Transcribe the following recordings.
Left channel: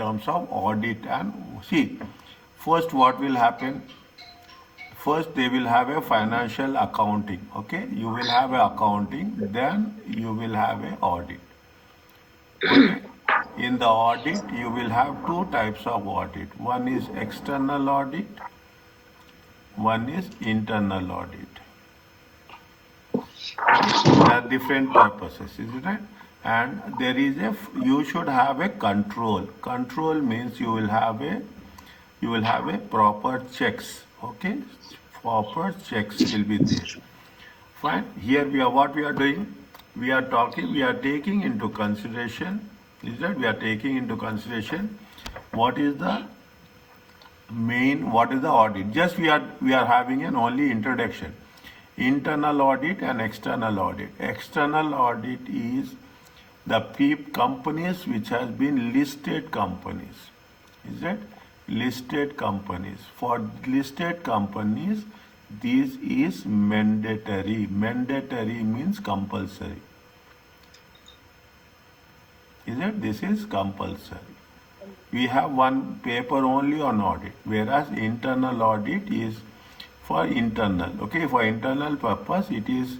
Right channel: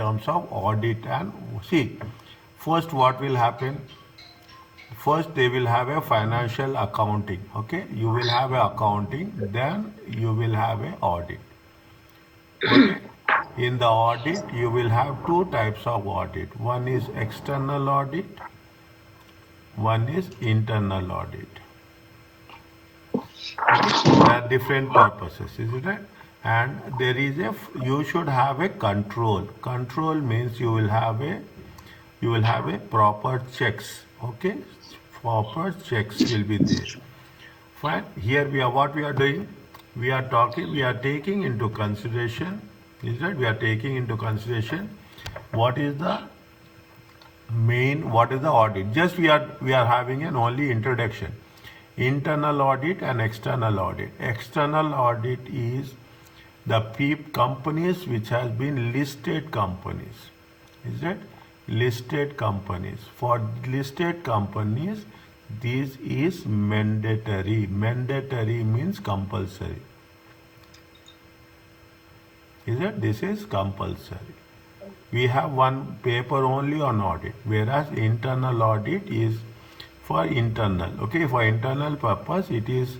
terms of audit. And see, first what will happen? First they will have a financial accounting. Okay, you will have a accounting, then you will have a audit. Okay. In the audit, you will have two types of audit. One is external audit, one is internal audit. There are different purposes, isn't it? And there is you should have a control. Control means you will have a proper checks. Okay, proper checks will be there. Fine. Here what we are doing? We are taking into consideration. Is that we are taking into consideration what is the audit? Just we are having an only introduction. Internal audit and external audit. External audit is the companies which has been listed companies. Is that listed companies? For listed companies, this is mandatory. Mandatory means compulsory. Is it? This is compulsory. We have one paper only on audit, whereas internal audit is for internal. Okay, for internal purpose, it is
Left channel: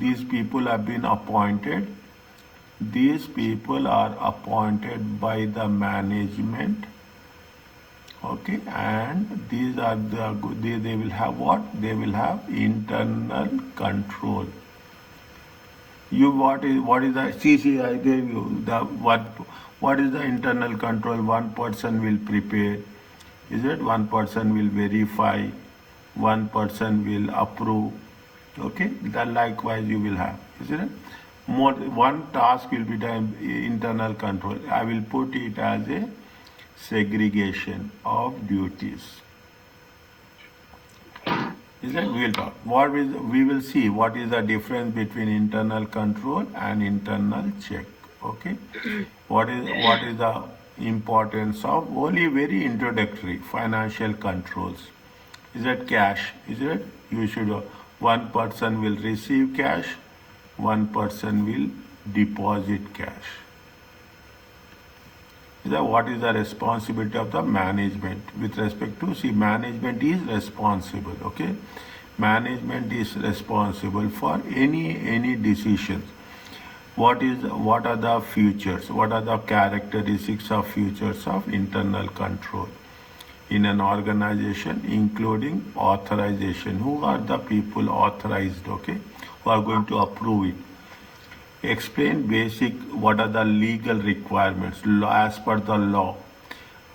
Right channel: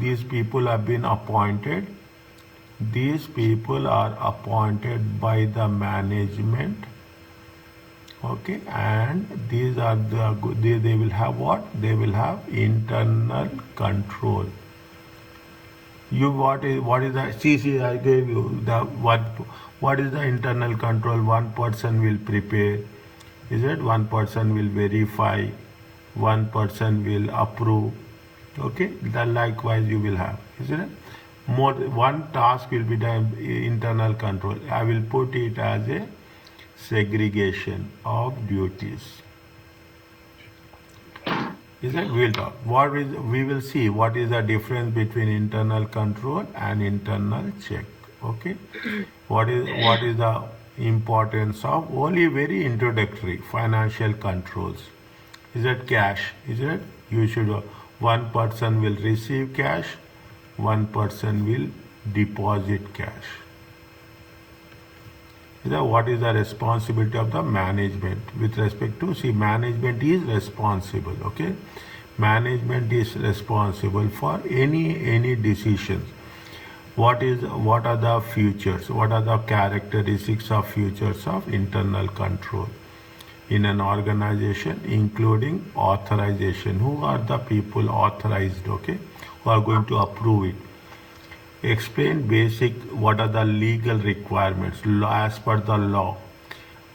these people have been appointed. These people are appointed by the management. Okay, and these are they will have what? They will have internal control. What is the CC? I gave you the what is the internal control? One person will prepare. Is it? One person will verify. One person will approve. Okay, then likewise you will have. Isn't it? One task will be done internal control. I will put it as a segregation of duties. Is that we will talk. We will see what is the difference between internal control and internal check. Okay. What is the importance of only very introductory financial controls? Is that cash? Is it? You should one person will receive cash, one person will deposit cash. What is the responsibility of the management with respect to management is responsible. Okay, management is responsible for any decisions. What are the features? What are the characteristics of features of internal control in an organization, including authorization? Who are the people authorized? Okay, who are going to approve it? Explain basic what are the legal requirements as per the law.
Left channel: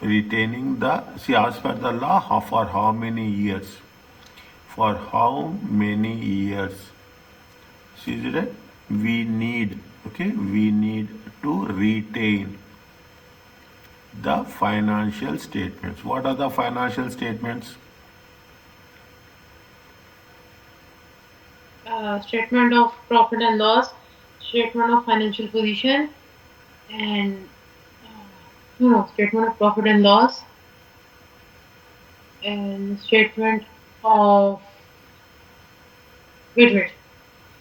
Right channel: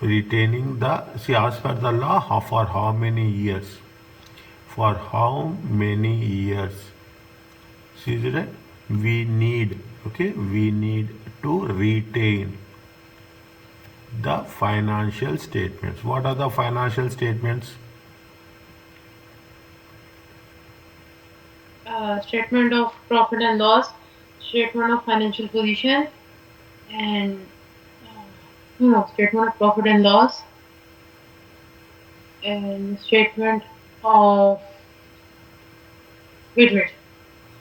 Retaining as per the law for how many years? For how many years? See that we need to retain the financial statements. What are the financial statements? Statement of profit and loss, statement of financial position, and statement of profit and loss, and statement of wait.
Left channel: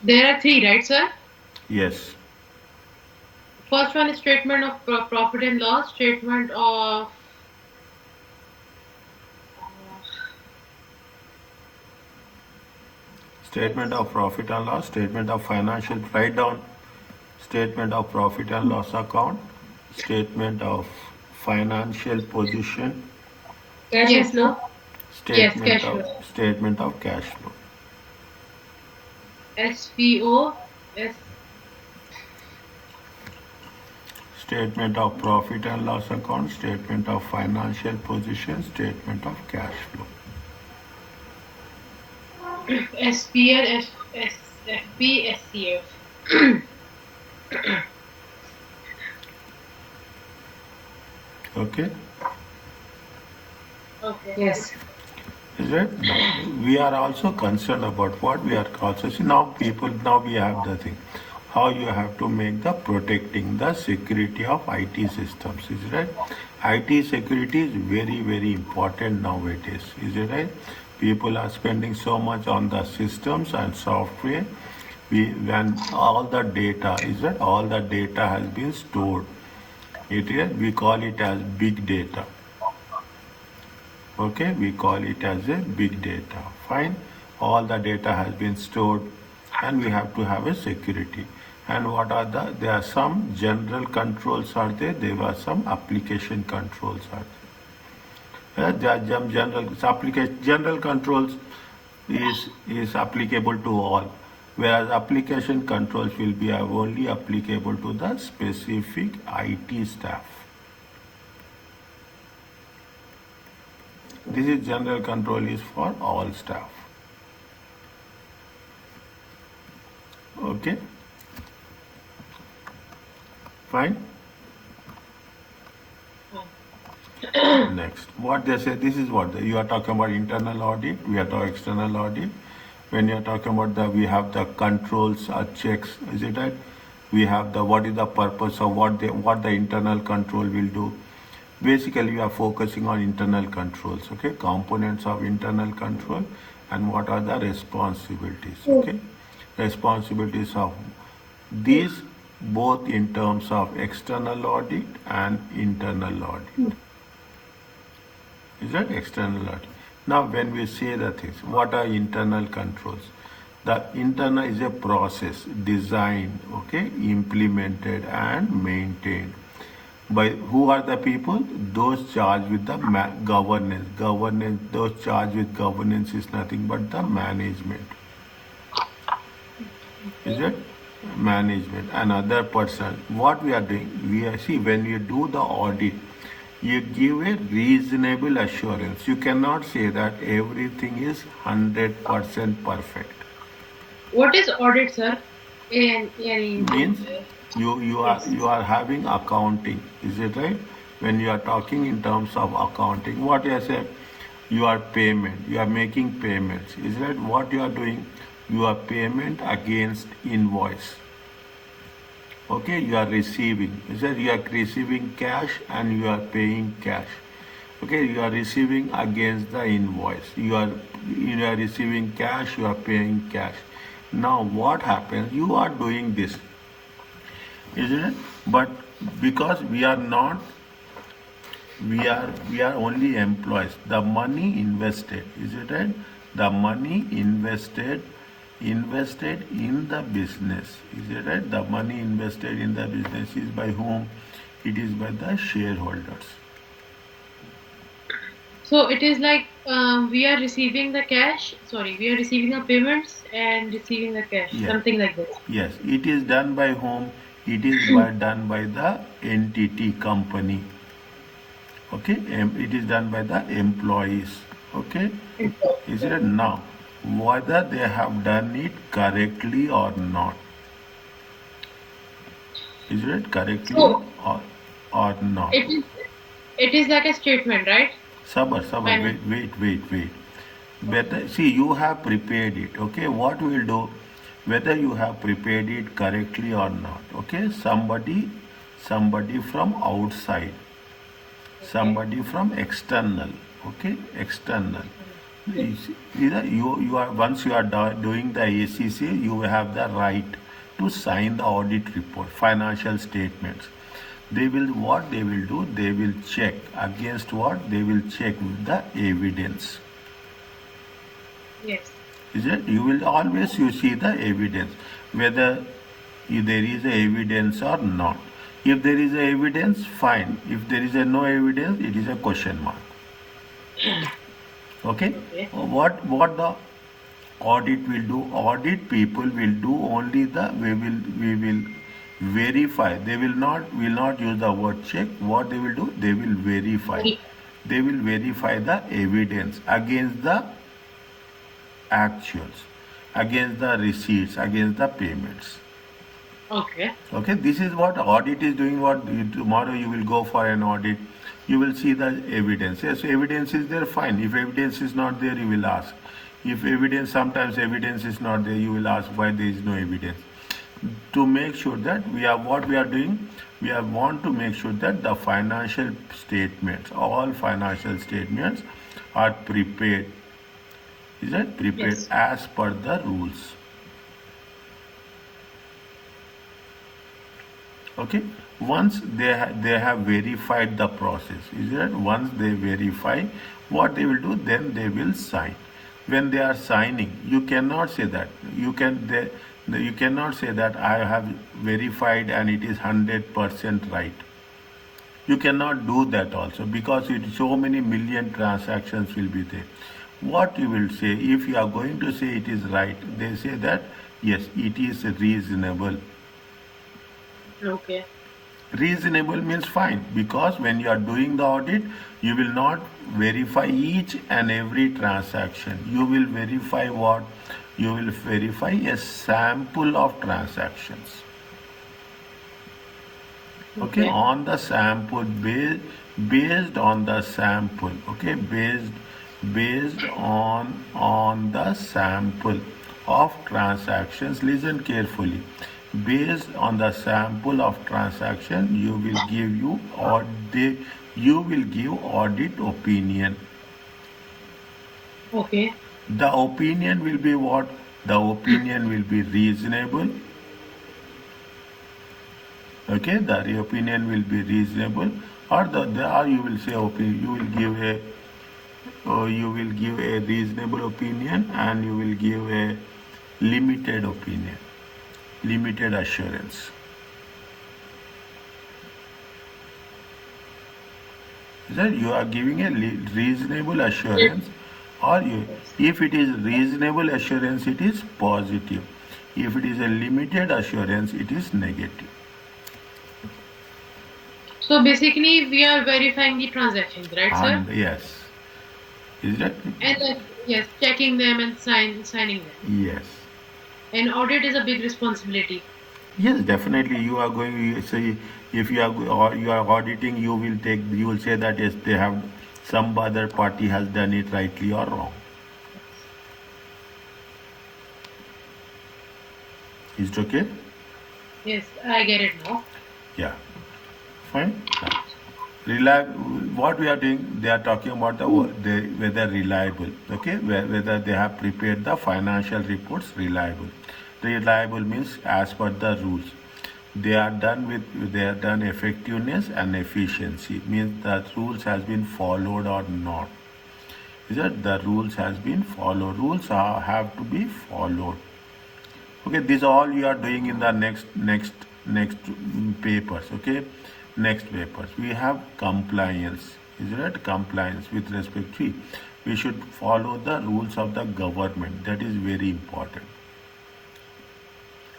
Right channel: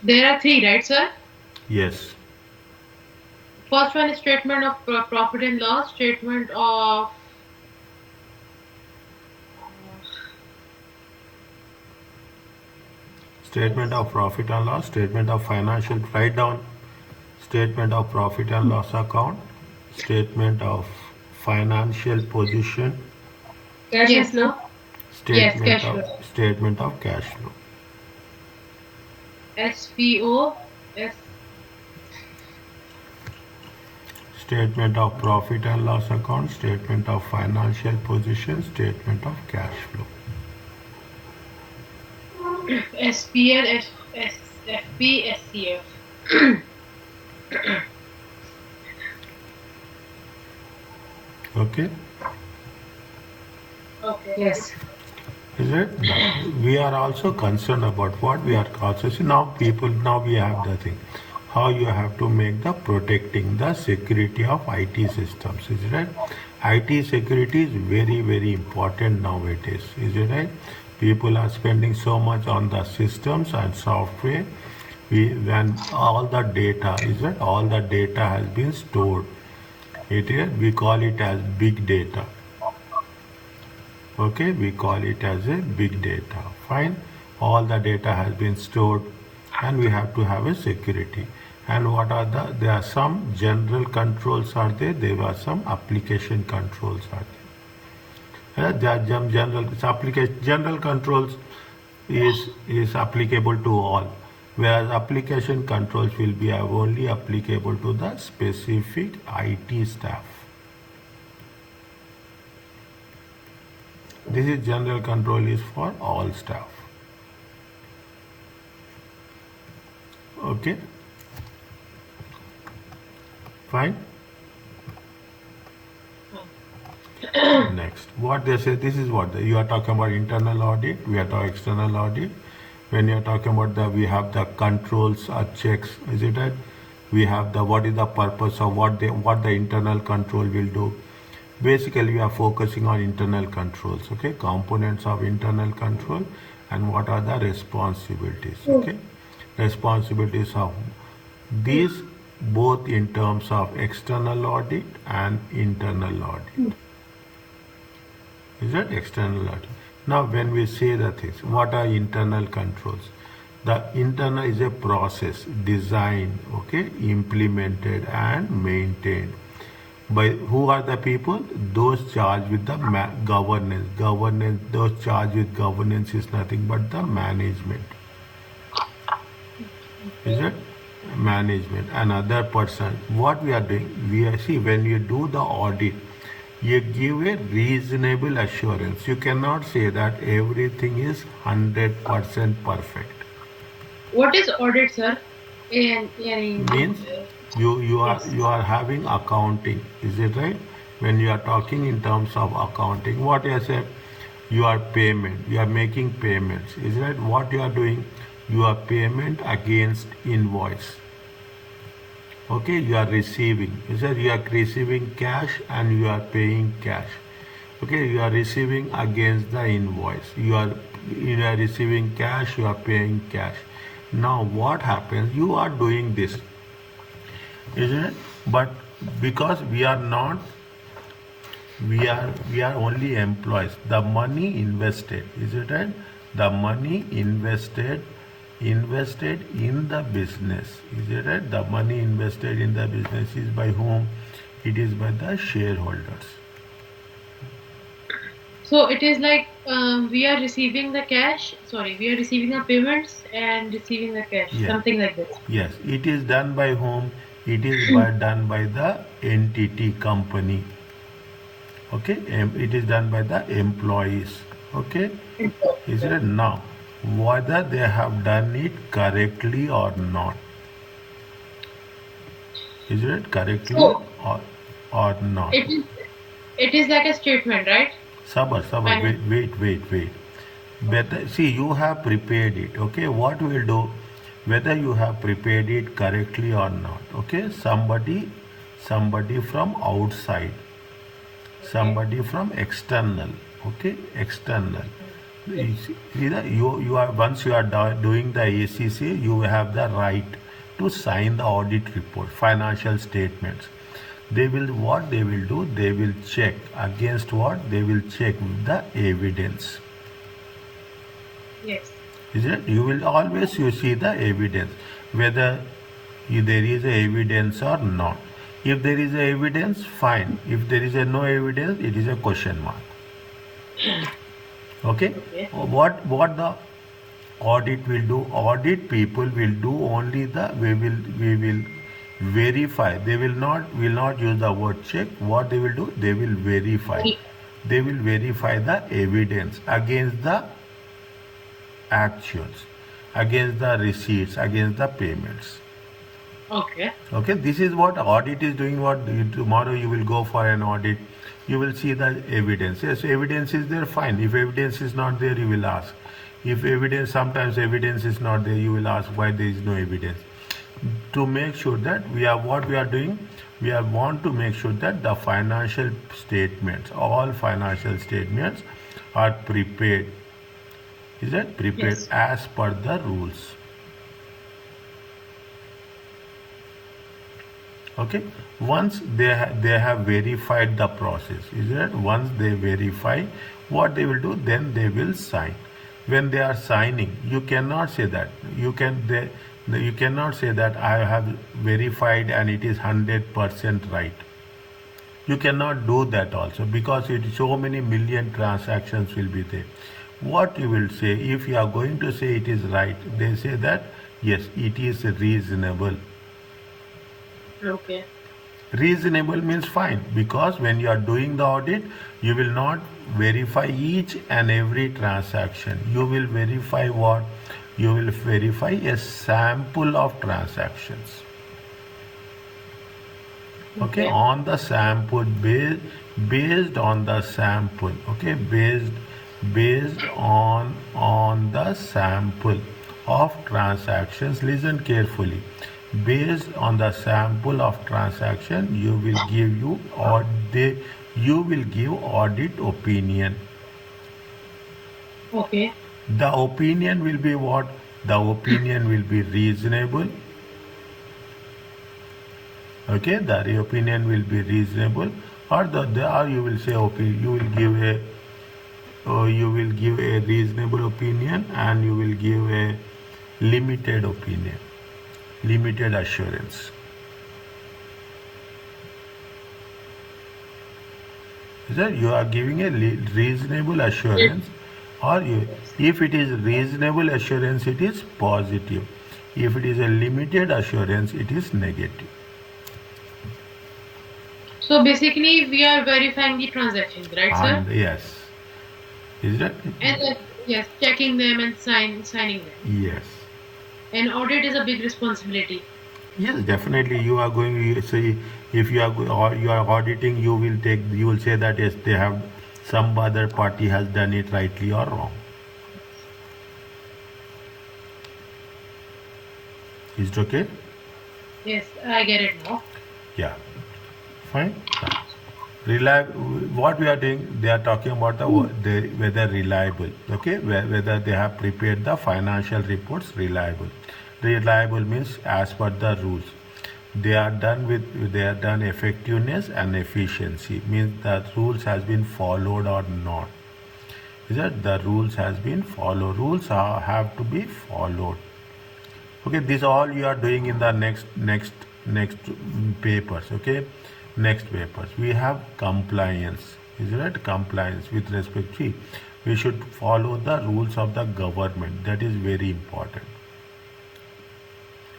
There are three, right, sir? Yes. First one is statement of profit and loss, statement of profit and loss, statement of financial, write down statement of profit and loss account, statement of financial position, cash flow. Statement of cash flow. SPO. Statement of profit and loss account, statement of financial position, statement of cash flow. SPL, FP, SCF. Okay. Okay. Yes. Is it? We are also concerned about what we are also see now we have the thing. How you have to make the protecting the security of IT systems. Is it right? IT security is very, very important nowadays. Is it right? People are spending so much on the systems and software. When all the data has been stored We call it as big data. Okay, we call it as a big data. Fine. All the data has been stored and we have to have a security. And what are there are some general controls are there are some application controls are there. There are some general controls is applicable to all, whereas application controls will be only applicable to the specific IT staff. This is general control is for all staff. Okay. Fine. Next, what they say, this is what you are talking about internal audit, we are talking external audit. When you are talking about we have the controls or checks, is it right? We have what is the purpose of what the internal control will do. Basically, we are focusing on internal controls, okay? Components of internal control and what are the responsibilities, okay? Responsibilities of these both in terms of external audit and internal audit. Is that external audit? Now, when we say the things, what are internal controls? The internal is a process designed, okay, implemented and maintained by who are the people? Those charged with the governance. Those charged with governance is nothing but the management. Is it? Management. Another person. What we are doing? See, when you do the audit, you give a reasonable assurance. You cannot say that everything is 100% perfect. What is audit, sir? Means you Yes. are having accounting. Is it right? When you are talking in terms of accounting, what you say? You are payment. You are making payments. Is that what you are doing? You are payment against invoice. Okay, you are receiving. Is that you are receiving cash and you are paying cash. Okay, you are receiving against the invoice. You are receiving cash, you are paying cash. Now what happens? You are doing this, isn't it? But because we are not, we are only employees. The money invested, is it right? The money invested in the business, is it right? The money invested in the business is by whom? It is by the shareholders. So it is like we are receiving the cash. Sorry, we are receiving the payments and receiving the cash. Yes. Something like this. Yes, it is done by whom? It is done by the entity company. Okay, it is done by the employees. Okay, is it now? Whether they have done it correctly or not? Is it correctly So or not? it is like a statement, right? Sabar, Finance. wait. Better, see, you have prepared it, okay? What we will do, whether you have prepared it correctly or not, okay? Somebody from outside, somebody from external, okay? External. You are once you are doing the ACCA, you have the right to sign the audit report, financial statements. What they will do, they will check against what? They will check with the evidence. Yes. Is it? You will always see the evidence, whether there is evidence or not. If there is evidence, fine. If there is no evidence, it is a question mark. Okay? Okay. What the audit will do? Audit people will do only we will verify. They will not use the word check. What they will do? They will verify. They will verify the evidence against the actuals, against the receipts, against the payments. Okay. Okay, this is what audit is doing. Tomorrow you will go for an audit, you will see the evidence. Yes, evidence is there, fine. If evidence is not there, you will ask. If sometimes evidence is not there, you will ask why there is no evidence. To make sure that what we are doing, we want to make sure that the financial statements, all financial statements are prepared. Is that prepared? Yes. As per the rules. Okay, once they have verified the process, is that once they verify, what they will do, then they will sign. When they are signing, you cannot say that you cannot say that I have verified and it is 100% right. You cannot do that also, because so many million transactions will be there. What you will say, if you are going to say it is right, they say that yes, it is reasonable. Okay. Reasonable means fine, because when you are doing the audit, you will not verify each and every transaction. You will verify what? You will verify a sample of transactions. Okay, on the sample, based on the sample, okay, based on the sample of transactions. Listen carefully. Based on the sample of transaction, you will give audit opinion. Okay. The opinion will be what? The opinion will be reasonable. Okay, the opinion will be reasonable, or or you will say you will give a reasonable opinion, and you will give a limited opinion, limited assurance. Is that you are giving a reasonable assurance, or if it is reasonable assurance, it is positive. If it is a limited assurance, it is negative. So basically, we are verifying the transactions, right, sir? And yes, is that? And then, yes, checking them and signing them. Yes. And audit is a big responsibility. Yes, definitely. You are going to say, if you are auditing, you will say that yes, they have, some other party has done it rightly or wrong. Is it okay? Yes, I get it now. Yeah. Fine. What we are doing, they are talking about whether reliable. Okay, whether they have prepared the financial reports reliable. Reliable means as per the rules. They are done effectiveness and efficiency, means that rules has been followed or not. Is that the rules has been followed? Rules have to be followed. Okay, this all you are doing in the next papers. Okay, next papers we have compliance. Is it compliance with respect to, we should follow the rules of the government. That is very important.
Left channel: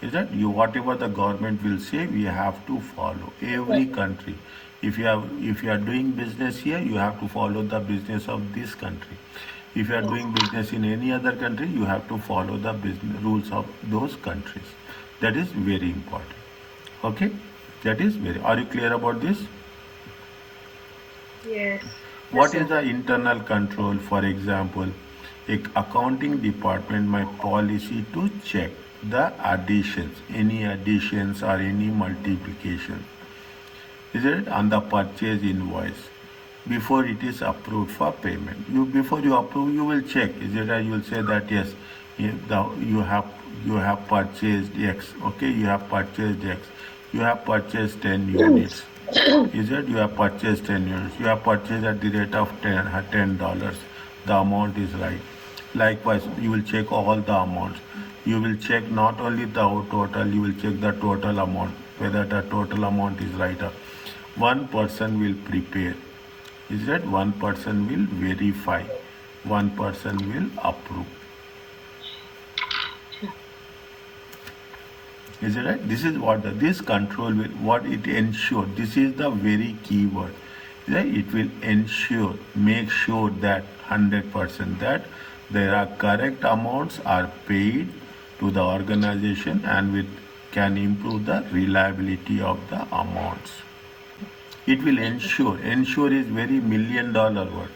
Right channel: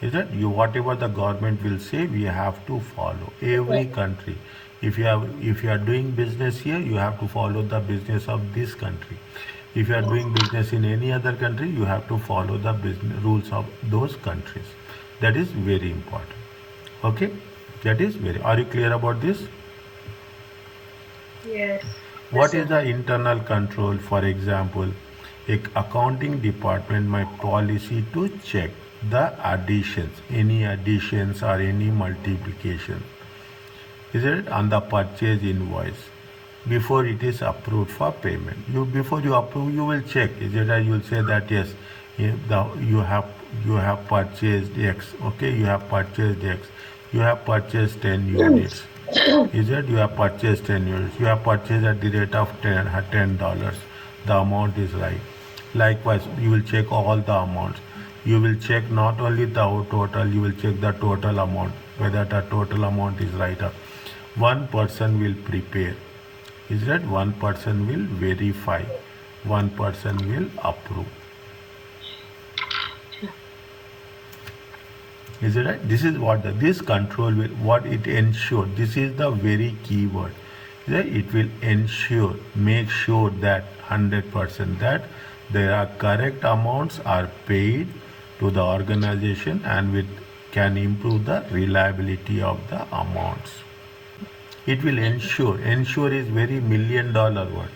Is that you, whatever the government will say, we have to follow. Every country, if you are doing business here, you have to follow the business of this country. If you are doing business in any other country, you have to follow the business rules of those countries. That is very important. Okay, that is very. Are you clear about this? Yes. What is the internal control? For example, accounting department, my policy to check the additions, any additions or any multiplication, is it on the purchase invoice before it is approved for payment. Before you approve, you will check. Is it? You will say that yes, you have purchased X. Okay, you have purchased X. You have purchased 10 units. Is it? You have purchased 10 units. You have purchased at the rate of $10. The amount is right. Likewise, you will check all the amounts. You will check not only the total, you will check the total amount, whether the total amount is right. One person will prepare. Is that one person will verify, one person will approve. Is it right? This is what this control will, what it ensure. This is the very key word. It will ensure, make sure that 100% that there are correct amounts are paid to the organization, and can improve the reliability of the amounts. It will ensure. Ensure is very $1 million word.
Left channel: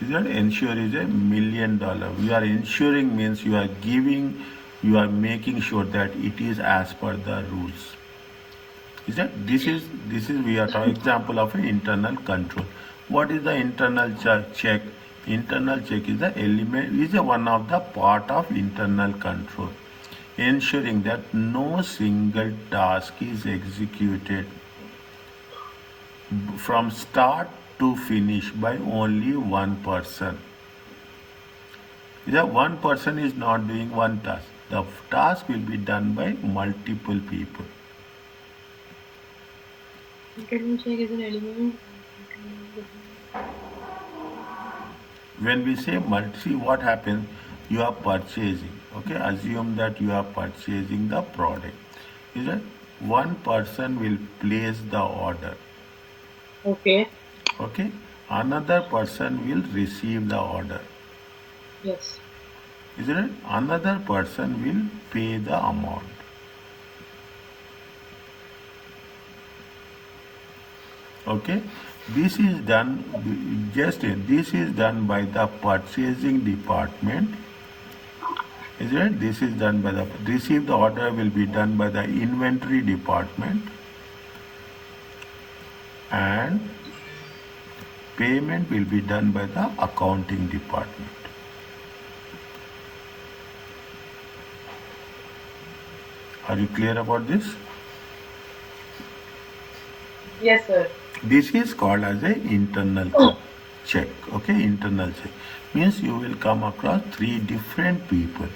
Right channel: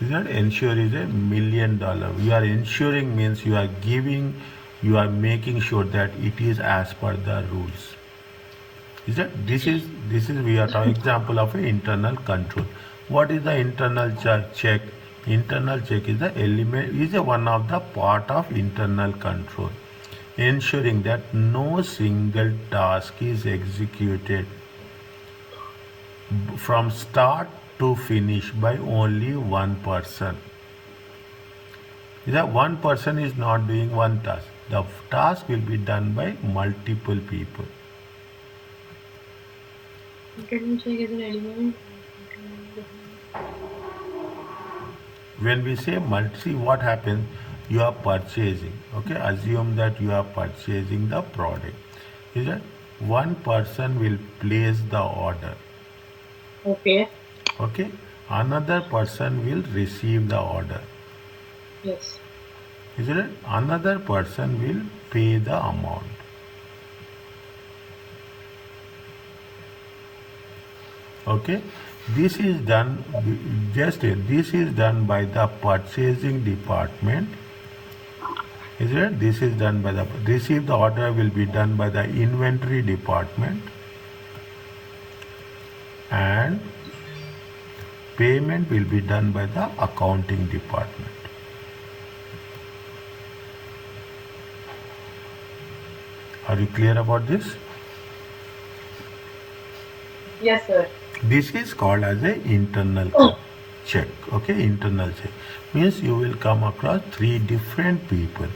Is that? Ensure is $1 million. You are ensuring means you are giving, you are making sure that it is as per the rules. Is that? This is we are talking example of an internal control. What is the internal check? Internal check is the element, is one of the part of internal control. ensuring that no single task is executed from start to finish by only one person. The one person is not doing one task. The task will be done by multiple people. Internal check is an element. When we say multi, what happens? You are purchasing. Okay, assume that you are purchasing the product. Is it? One person will place the order. Okay. Okay, another person will receive the order. Yes. Isn't it? Another person will pay the amount. Okay, this is done this is done by the purchasing department. Isn't it? This is done by the receive the order will be done by the inventory department, and payment will be done by the accounting department. Are you clear about this? Yes, sir. This is called as a internal check. Okay, internal check means you will come across three different people.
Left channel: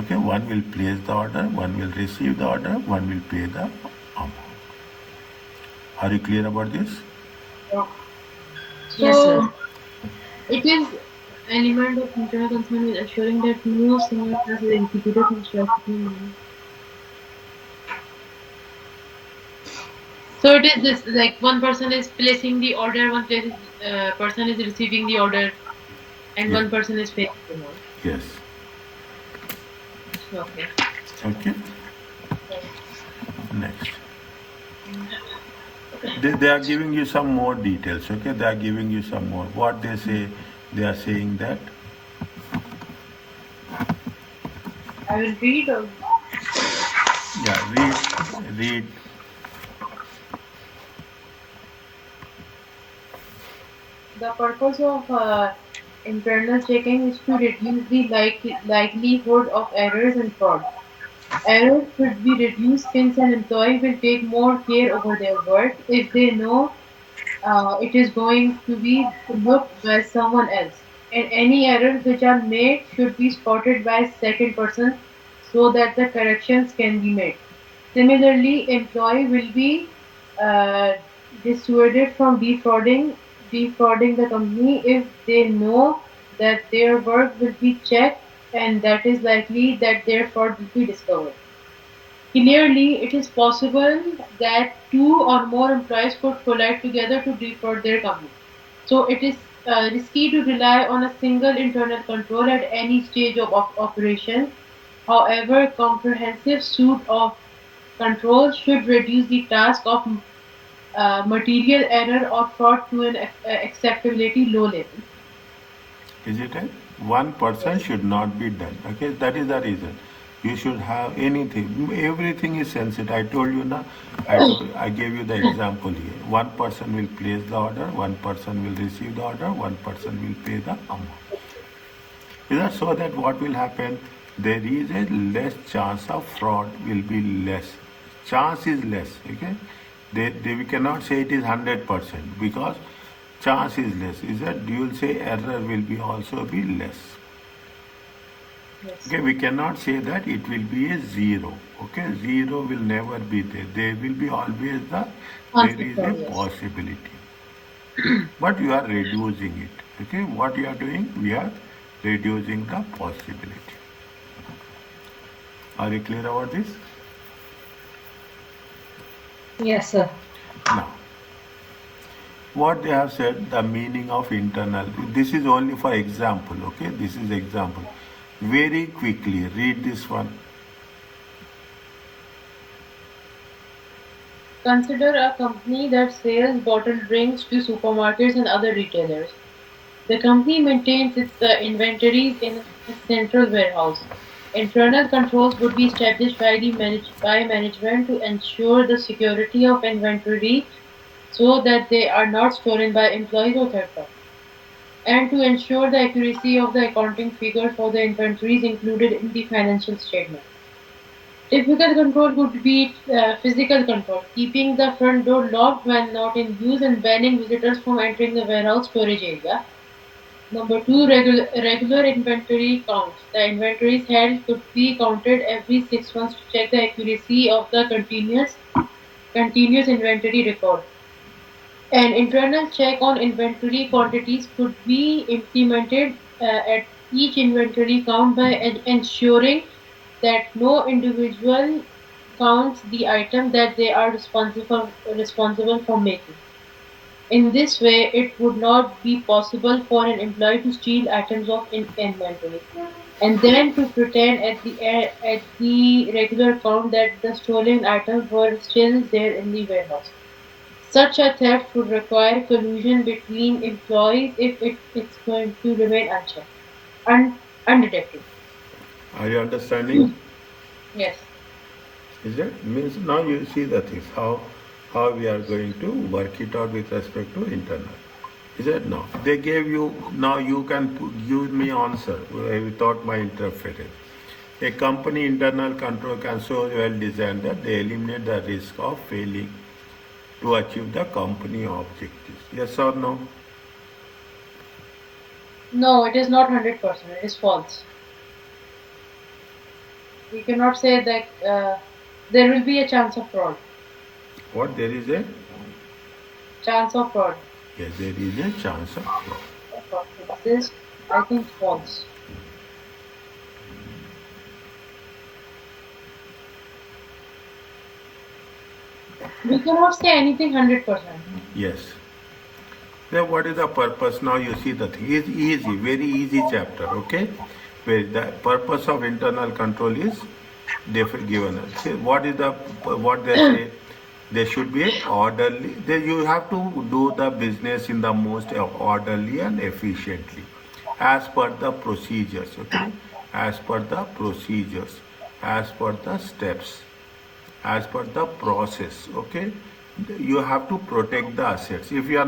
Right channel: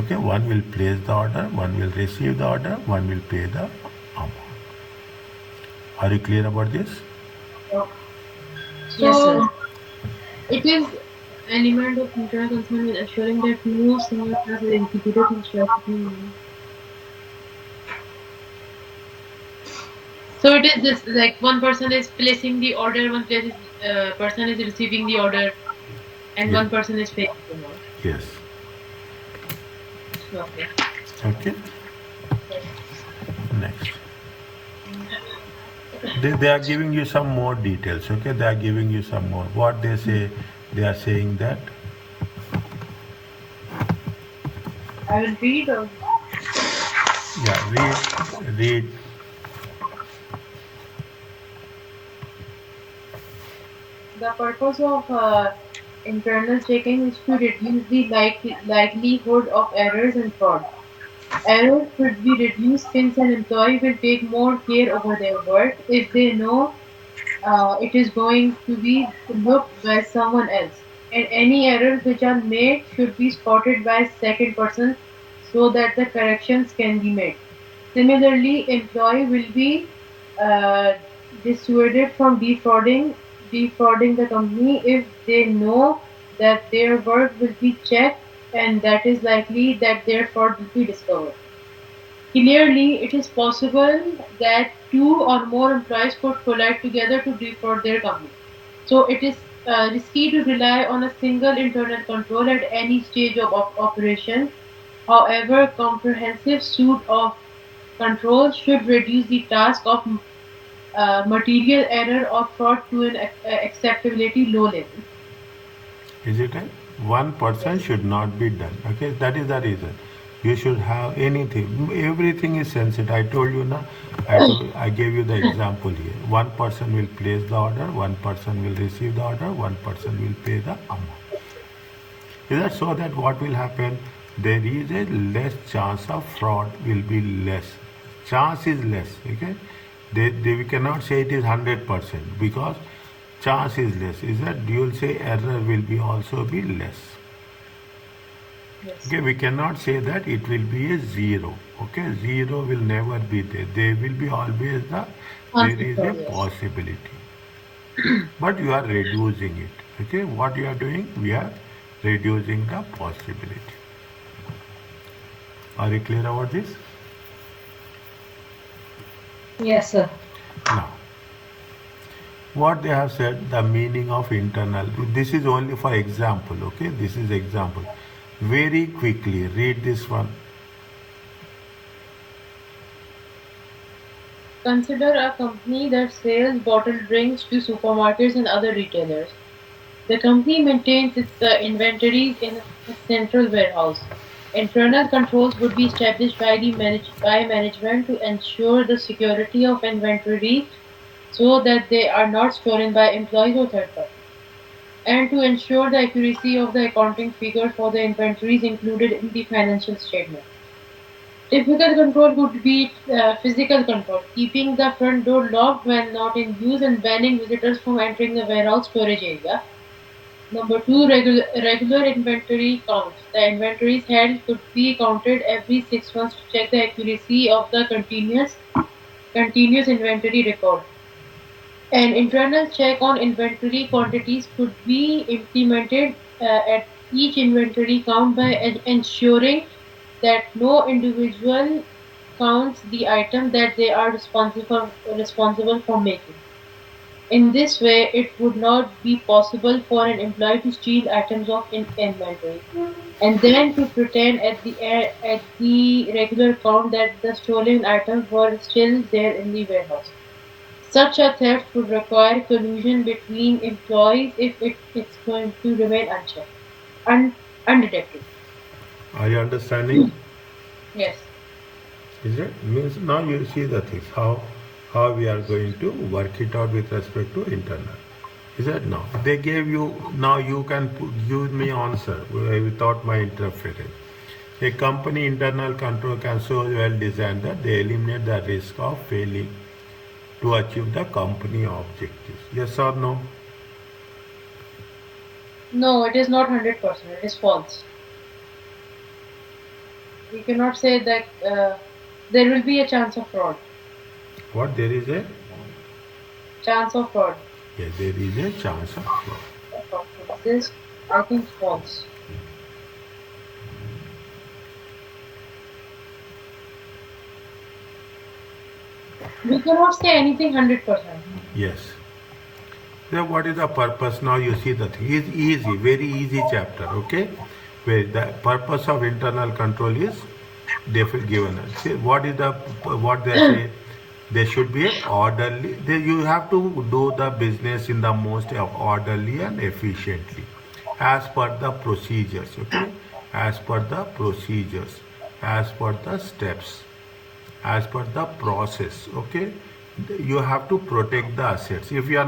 Okay, one will place the order, one will receive the order, one will pay the amount. Are you clear about this? Yes, sir. So it is element of internal concern with assuring that no single task is executed from start to finish. So it is this like one person is placing the order, person is receiving the order, and Yeah. one person is paying the amount. Yes. Okay. Okay. Next. They are giving you some more details. Okay, they are giving you some more. What they say, they are saying that. I will read. Yeah, read. The purpose of internal checking is to reduce the likelihood of errors and fraud. Errors should be reduced since an employee will take more care over their work if they know it is going to be looked by someone else. And any errors which are made should be spotted by a second person so that the corrections can be made. Similarly, employee will be uh, dissuaded from defrauding the company if they know that their work will be checked and that is likely that their fraud will be discovered. Clearly, it is possible that two or more employees could collide together to defraud their company. So it is risky to rely on a single internal control at any stage of operation. However, comprehensive suite of controls should reduce the task of material error or fraud to an acceptability low level. Is it a one person should not be done? Okay, that is the reason. You should have anything. Everything is sensitive. I told you now. I gave you the example here. One person will place the order, one person will receive the order, one person will pay the amount. Is that so that what will happen? There is a less chance of fraud will be less. Chance is less. Okay, we cannot say it is 100% because chance is less. Is that you will say error will be also be less. Yes. Okay, we cannot say that it will be a zero. Okay, zero will never be there. There will be always there is a Fraud, yes. possibility. But you are reducing it. Okay, what you are doing? We are reducing the possibility. Are you clear about this? Yes, sir. Now, what they have said, the meaning of internal. This is only for example. Okay, this is example. Very quickly read this one. Consider a company that sells bottled drinks to supermarkets and other retailers. The company maintains its inventories in a central warehouse. Internal controls would be established by management to ensure the security of inventory so that they are not stolen by employees or third parties, and to ensure the accuracy of the accounting figures for the inventories included in the financial statements. Typical control could be physical control, keeping the front door locked when not in use and banning visitors from entering the warehouse storage area. Number two, regular inventory counts. The inventories held could be counted every 6 months to check the accuracy of the continuous inventory record. An internal check on inventory quantities could be implemented at each inventory count by ensuring that no individual counts the item that they are responsible for making. In this way, it would not be possible for an employee to steal items of inventory and then to pretend at the regular count that the stolen items were still there in the warehouse. Such a theft would require collusion between employees if it's going to remain unchecked, undetected. Are you understanding? Yes. Is it? Means now you see the things, how we are going to work it out with respect to internal. Is it now? They gave you, now you can give me answer without my interference. A company internal control can so well design that they eliminate the risk of failing to achieve the company objectives. Yes or no? No, it is not 100%. It is false. We cannot say that there will be a chance of fraud. What there is a, Chance of fraud. yes, there is a chance of fraud. So this, I think, false. We cannot say anything 100%. Yes. So what is the purpose? Now you see the thing is easy, very easy chapter, okay? Where the purpose of internal control is given us. See, what is the, what they say? There should be a orderly, you have to do the business in the most orderly and efficiently as per the procedures, okay? As per the procedures, as per the steps, as per the process, okay? You have to protect the assets. If you are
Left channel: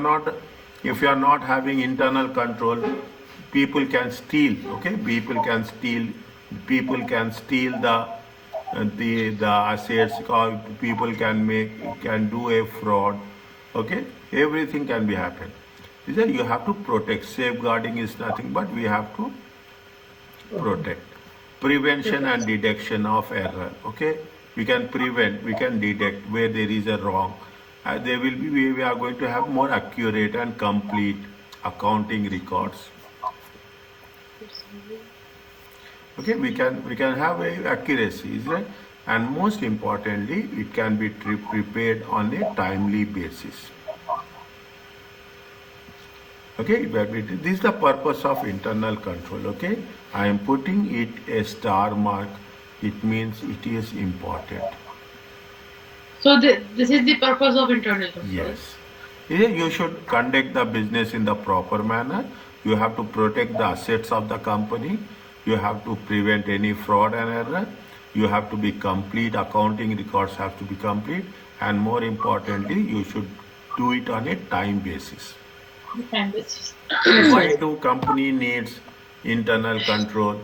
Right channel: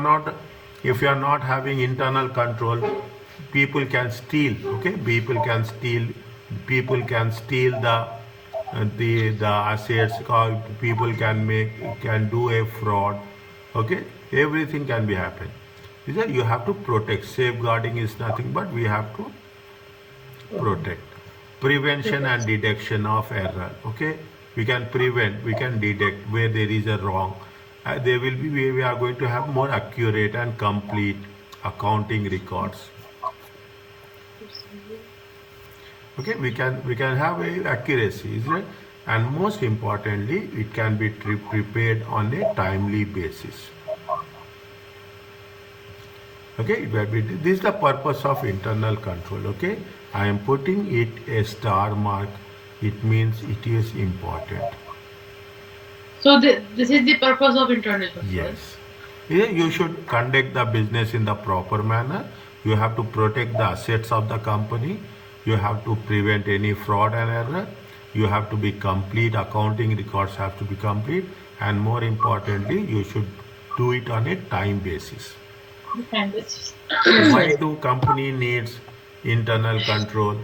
not having internal control, people can steal, okay? People can steal the assets, or people can do a fraud, okay? Everything can be happen. You have to protect. Safeguarding is nothing but we have to protect. Prevention and detection of error, okay? We can prevent, we can detect where there is a wrong. There will be, we are going to have more accurate and complete accounting records. Okay, we can have a accuracy, is it? And most importantly, it can be prepared on a timely basis. Okay, this is the purpose of internal control. Okay, I am putting it a star mark. It means it is important. So this is the purpose of internal control. Yes. You should conduct the business in the proper manner. You have to protect the assets of the company. You have to prevent any fraud and error. You have to be complete. Accounting records have to be complete. And more importantly, you should do it on a time basis. Why do company needs internal control?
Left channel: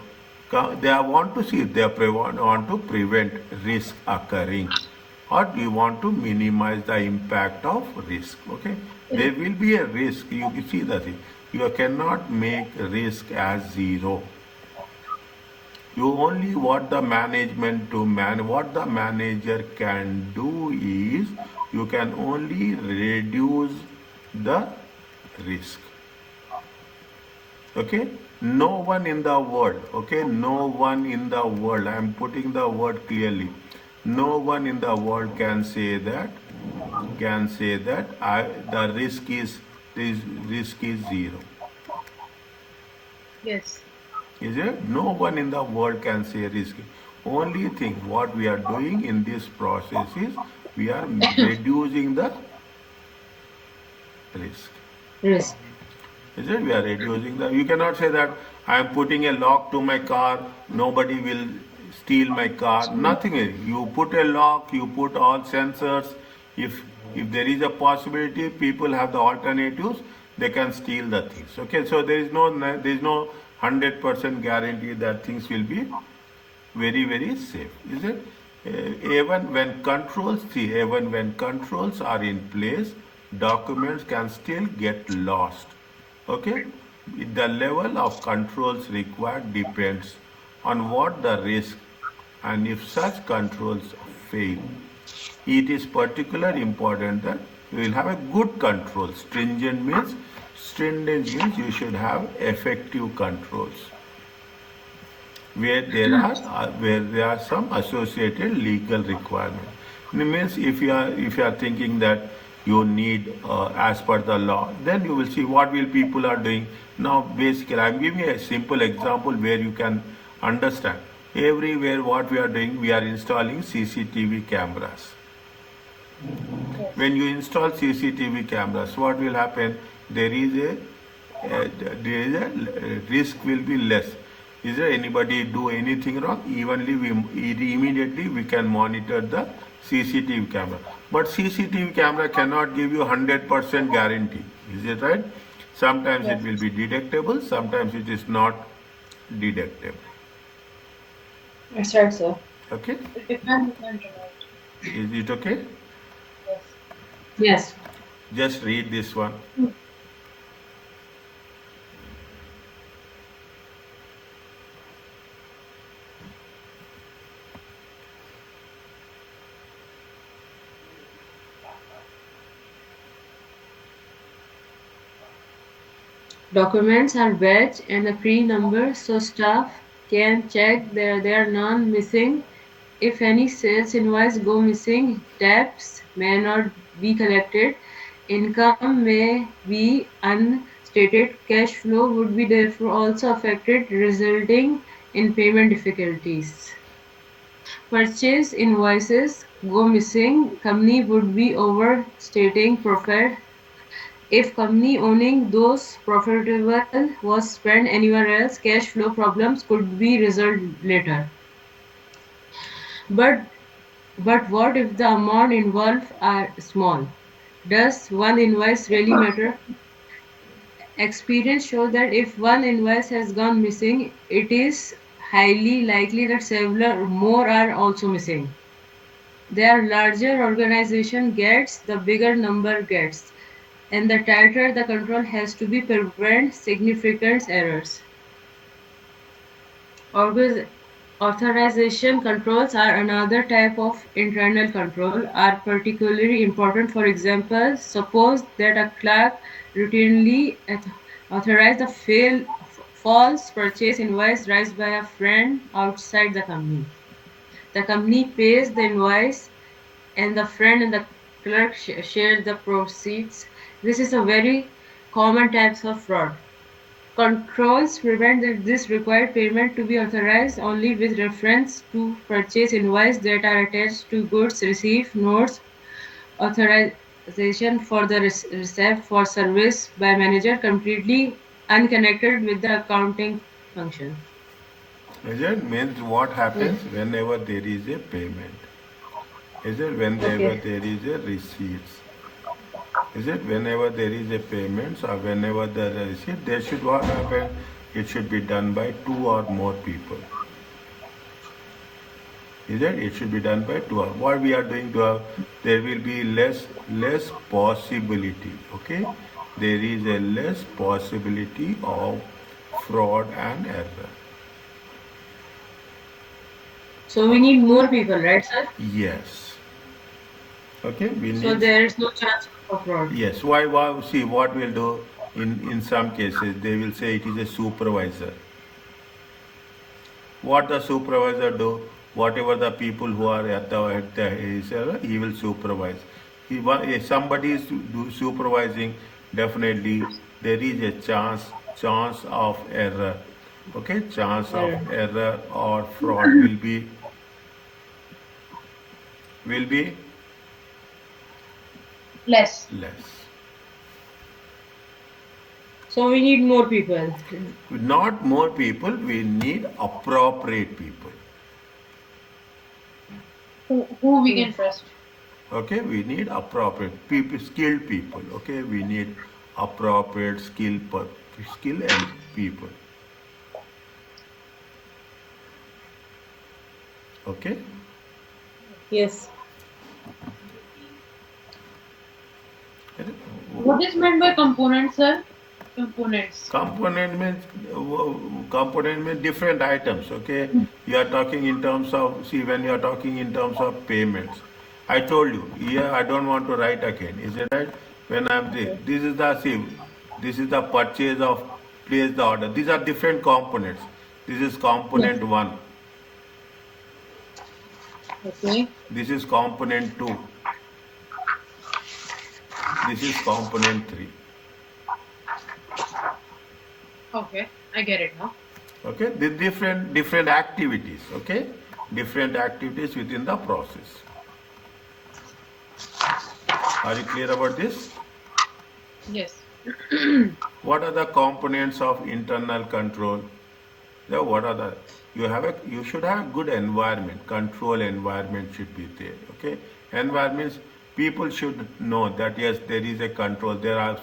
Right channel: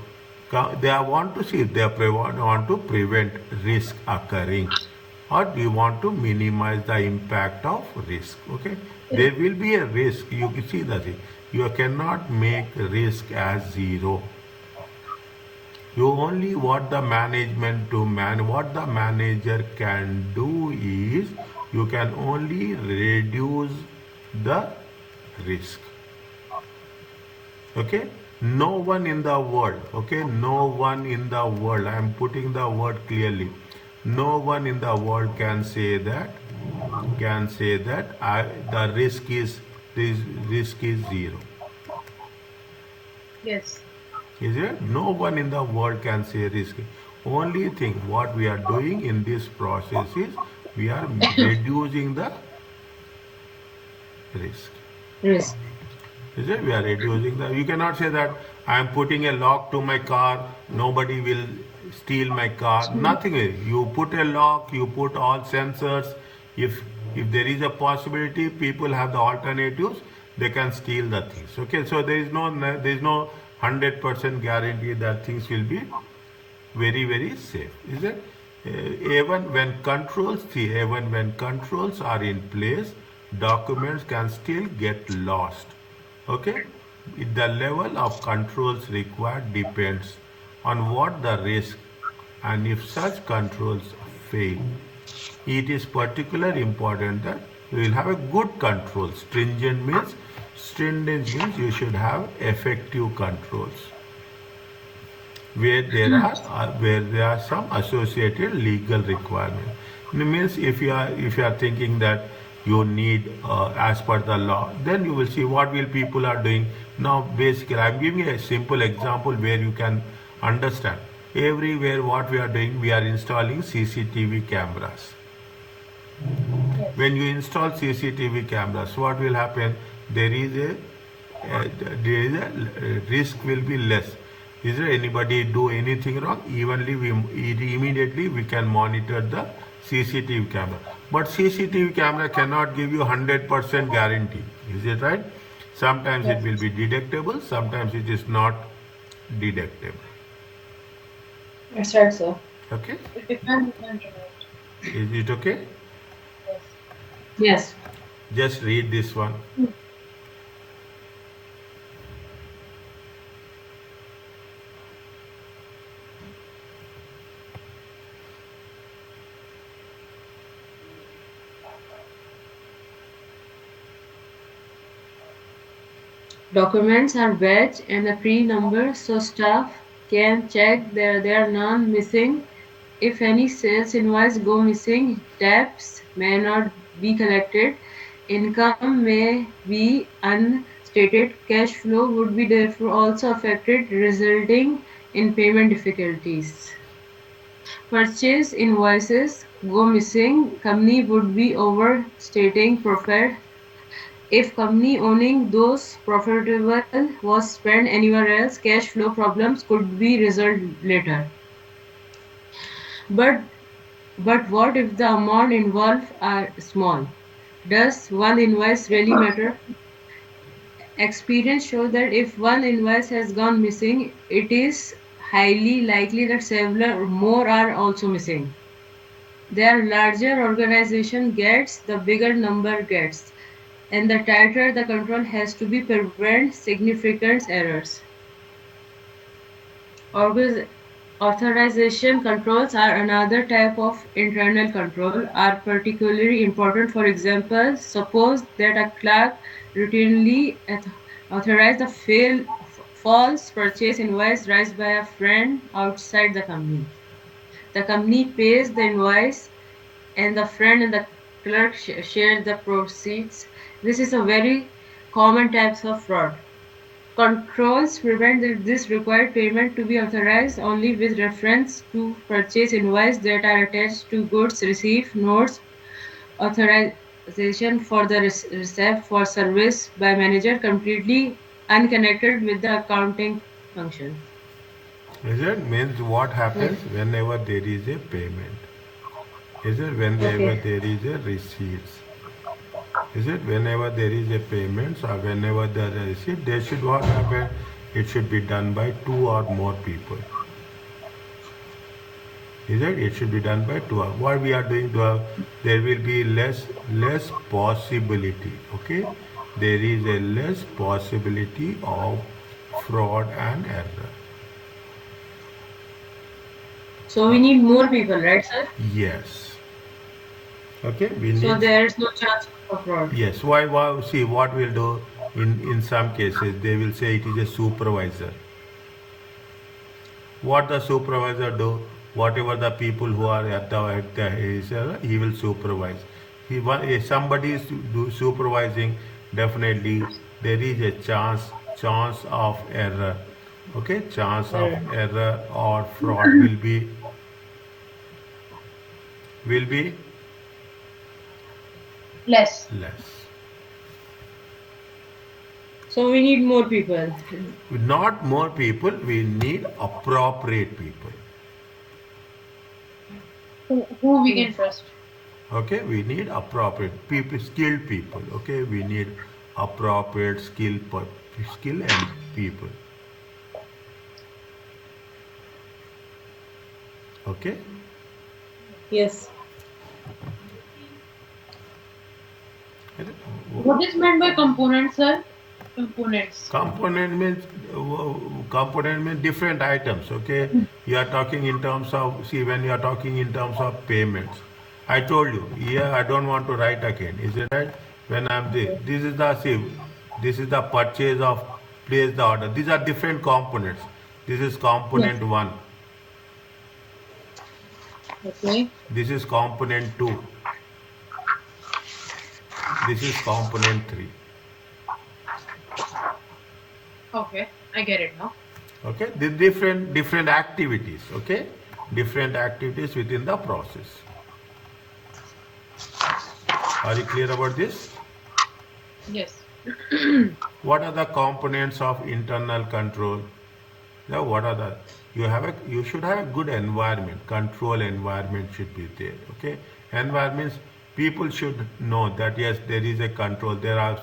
They want to see if they want to prevent risk occurring, or do you want to minimize the impact of risk? Okay, there will be a risk. You see that you cannot make risk as zero. You only what the management to what the manager can do is you can only reduce the risk. Okay, no one in the world, okay, no one in the world, I am putting the word clearly, no one in the world can say that the risk is zero. Yes. Is it? No one in the world can say risk. Only thing what we are doing in this process is we are reducing the risk. Risk. Is it? We are reducing the. You cannot say that I am putting a lock to my car. Nobody will steal my car. Nothing is. You put a lock. You put all sensors. If there is a possibility, people have the alternatives. They can steal the things. Okay. So there is no 100% guarantee that things will be very, very safe. Is it? even when controls are in place, documents can still get lost. Okay, the level of controls required depends on what the risk, and if such controls fail, it is particularly important that you will have a good control. Stringent means you should have effective controls where there are some associated legal requirement. It means if you are thinking that you need as per the law, then you will see what will people are doing. Now basically I'm giving a simple example where you can understand. Everywhere what we are doing, we are installing CCTV cameras. Yes. When you install CCTV cameras, what will happen? There is a there is a risk will be less. Is there anybody do anything wrong? Immediately we can monitor the CCTV camera. But CCTV camera cannot give you 100% guarantee. Is it right? Sometimes it Yes. will be detectable. Sometimes it is not detectable. That's right, sir. Okay? It depends on the internet. Is it okay? Yes. Yes. Just read this one. Documents are batch and a pre-number so staff can check there are none missing. If any sales invoice go missing, debts may not be collected, income may be unstated, cash flow would be therefore also affected, resulting in payment difficulties. Purchase invoices go missing, company would be overstating profit. If company owning those profitable was spent anywhere else, cash flow problems could be resolved later. But but what if the amount involved are small? Does one invoice really matter? Experience shows that if one invoice has gone missing, it is highly likely that several more are also missing. The larger organization gets, the bigger number gets, and the tighter the control has to be prevent significant errors. Org- Authorization controls are another type of internal control, are particularly important. For example, suppose that a clerk routinely authorizes the false purchase invoice raised by a friend outside the company. The company pays the invoice and the friend and the clerk share the proceeds. This is a very common type of fraud. Controls prevent this required payment to be authorized only with reference to purchase invoice that are attached to goods received, notes, authorization for the receipt for service by manager completely unconnected with the accounting functions. Is it? Means what Yes. happens whenever there is a payment? Is it whenever Okay. there is a receipts? Is it whenever there is a payment or whenever there is a receipt? There should what happen? It should be done by two or more people. Is it? It should be done by two. What we are doing to there will be less possibility. Okay, there is a less possibility of fraud and error. So we need more people, right, sir? Yes. Okay, we So need. there is no chance for fraud. Yes. Why? See, what we'll do in some cases, they will say it is a supervisor. What the supervisor do? Whatever the people who are he will supervise. If somebody is supervising, definitely there is a chance of error. Okay, chance of Error. error or fraud will be Less. less. So we need more people. Not more people, we need appropriate people. Who we can Yes. trust. Okay, we need appropriate people, skilled people. Okay, we need appropriate skill and people. Okay, Yes. What is meant by components, sir? Components. Component means different items. Okay, you are talking in terms of, see, when you are talking in terms of payments. I told you here I don't want to write again. Is it right? When I'm Okay. this is the, see, this is the purchase of, place the order. These are different components. This is Yes. component one. Okay. This is component two. This is component three. Okay. I get it now. Okay, the different activities. Okay, different activities within the process. Are you clear about this? Yes. What are the components of internal control? Yeah, what are the, you should have a good environment. Control environment should be there. Okay, environments, people should know that yes, there is a control. There are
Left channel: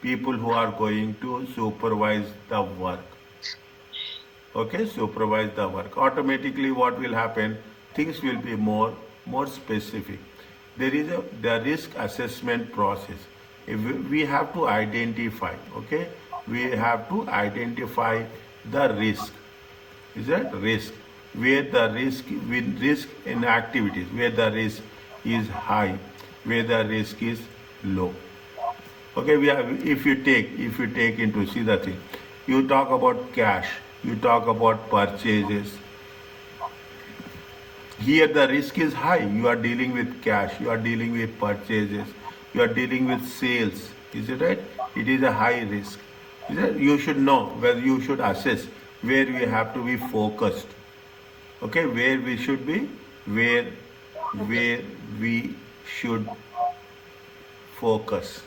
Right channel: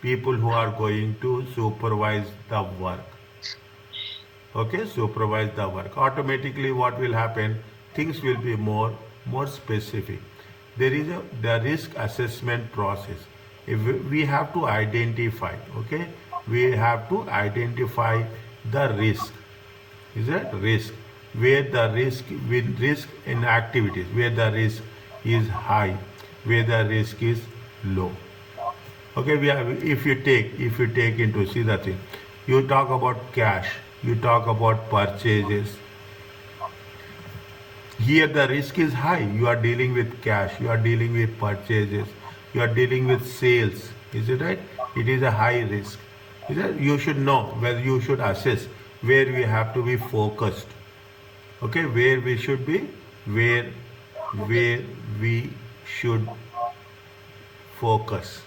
people who are going to supervise the work. Okay, supervise the work. Automatically what will happen, things will be more specific. There is the risk assessment process. If we have to identify, okay, we have to identify the risk. Is that risk, where the risk, with risk in activities, where the risk is high, where the risk is low. Okay, we have, if you take into, see the thing, you talk about cash, you talk about purchases. Here the risk is high. You are dealing with cash, you are dealing with purchases, you are dealing with sales. Is it right? It is a high risk. Is it? You should know whether you should assess where we have to be focused. Okay, where we should be, where Okay. where we should focus.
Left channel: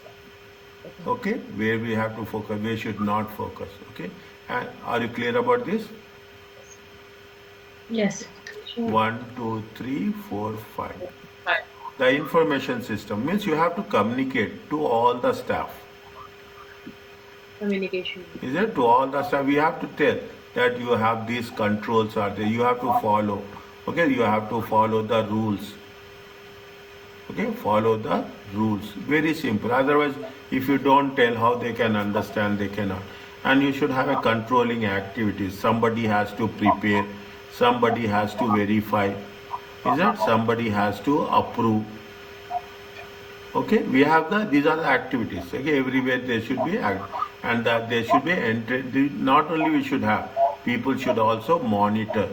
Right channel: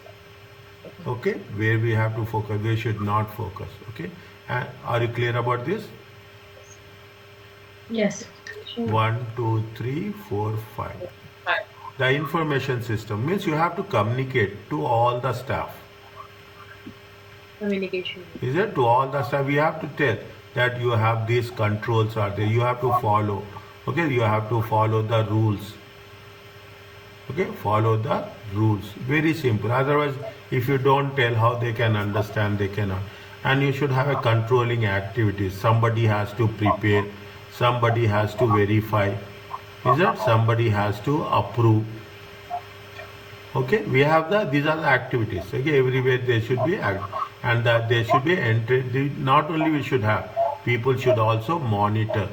Okay. Okay, where we have to focus, we should not focus. Okay, and are you clear about this? Yes. Communication. 1, 2, 3, 4, 5. Five. The information system means you have to communicate to all the staff. Communication. Is it? To all the staff, we have to tell that you have these controls are there. You have to follow. Okay, you have to follow the rules. Okay, follow the rules. Very simple. Otherwise, if you don't tell how they can understand, they cannot. And you should have a controlling activities. Somebody has to prepare, somebody has to verify. Is it? Somebody has to approve. Okay, we have these are the activities. Okay, everywhere there should be and that there should be entered. Not only we should have, people should also monitor.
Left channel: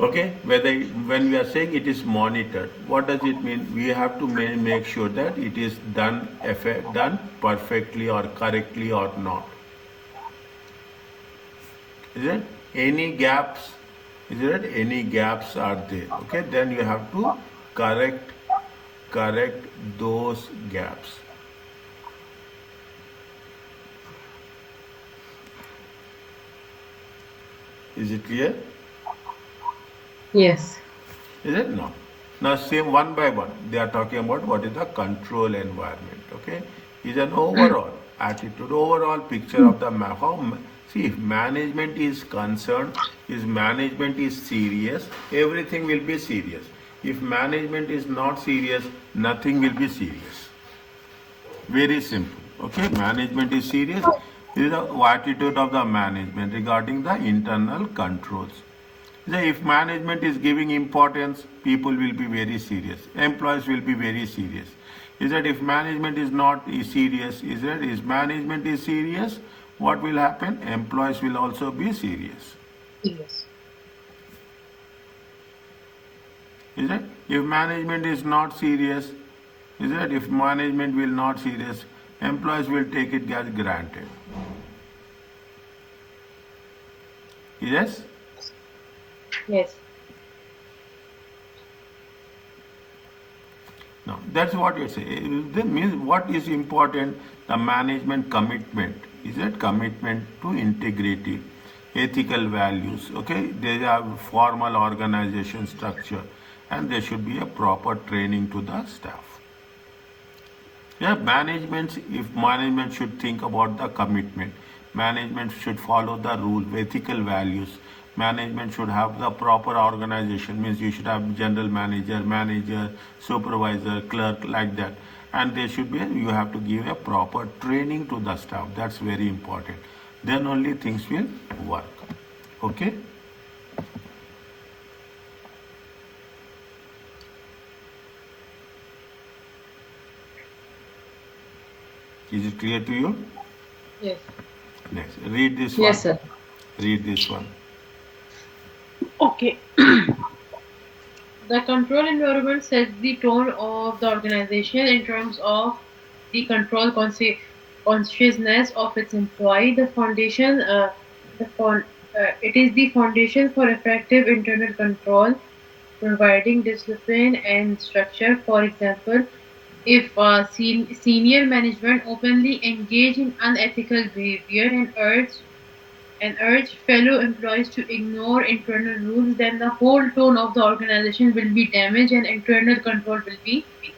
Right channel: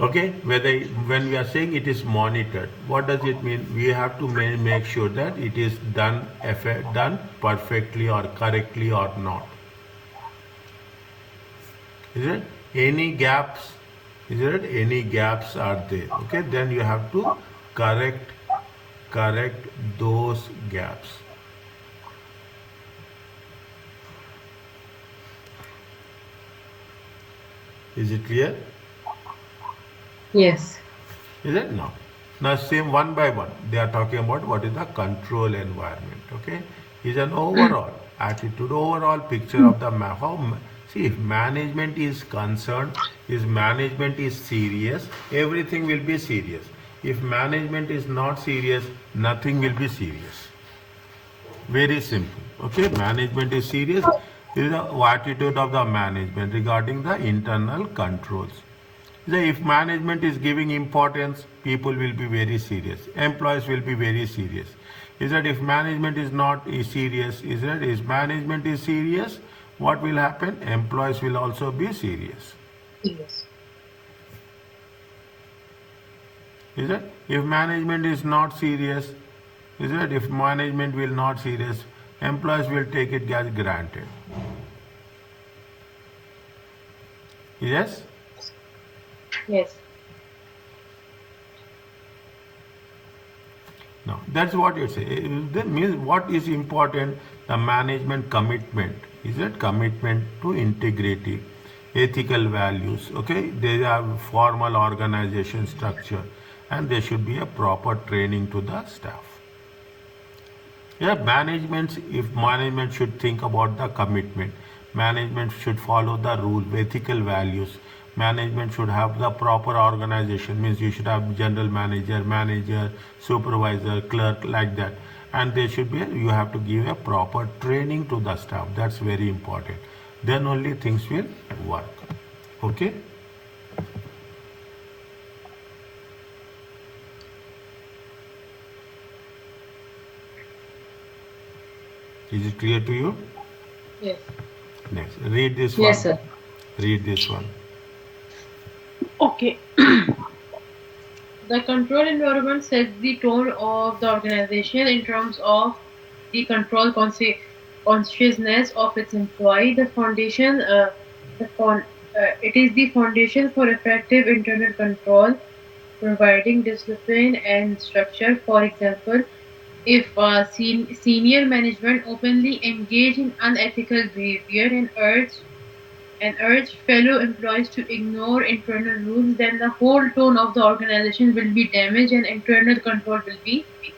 Okay, whether, when we are saying it is monitored, what does it mean? We have to make sure that it is done perfectly or correctly or not. Is it? Any gaps? Is it? Any gaps are there? Okay, then you have to correct those gaps. Is it clear? Yes. Is it? No. Now same one by one. They are talking about what is the control environment. Okay, is an overall attitude, overall picture of the map. See, if management is concerned, if management is serious, everything will be serious. If management is not serious, nothing will be serious. Very simple. Okay, management is serious. This is the attitude of the management regarding the internal controls. If management is giving importance, people will be very serious. Employees will be very serious. Is that if management is not serious, if management is serious, what will happen? Employees will also be serious. Yes. Is it? If management is not serious, is it? If management will not serious, employees will take it as granted. Yes? Yes. Now, that's what you say. That means what is important? The management commitment. Is it? Commitment to integrity, ethical values. Okay, they have formal organization structure, and there should be a proper training to the staff. Yeah, if management should think about the commitment, management should follow the rules, ethical values. Management should have the proper organization, means you should have general manager, supervisor, clerk, like that. And there should be, you have to give a proper training to the staff. That's very important. Then only things will work. Okay? Is it clear to you? Yes. Next, read this one. Yes, sir. Read this one. Okay. The control environment sets the tone of the organization in terms of the control consciousness of its employee. It is the foundation for effective internal control, providing discipline and structure. For example, if senior management openly engage in unethical behavior and urge fellow employees to ignore internal rules, then the whole tone of the organization will be damaged and internal control will be weak.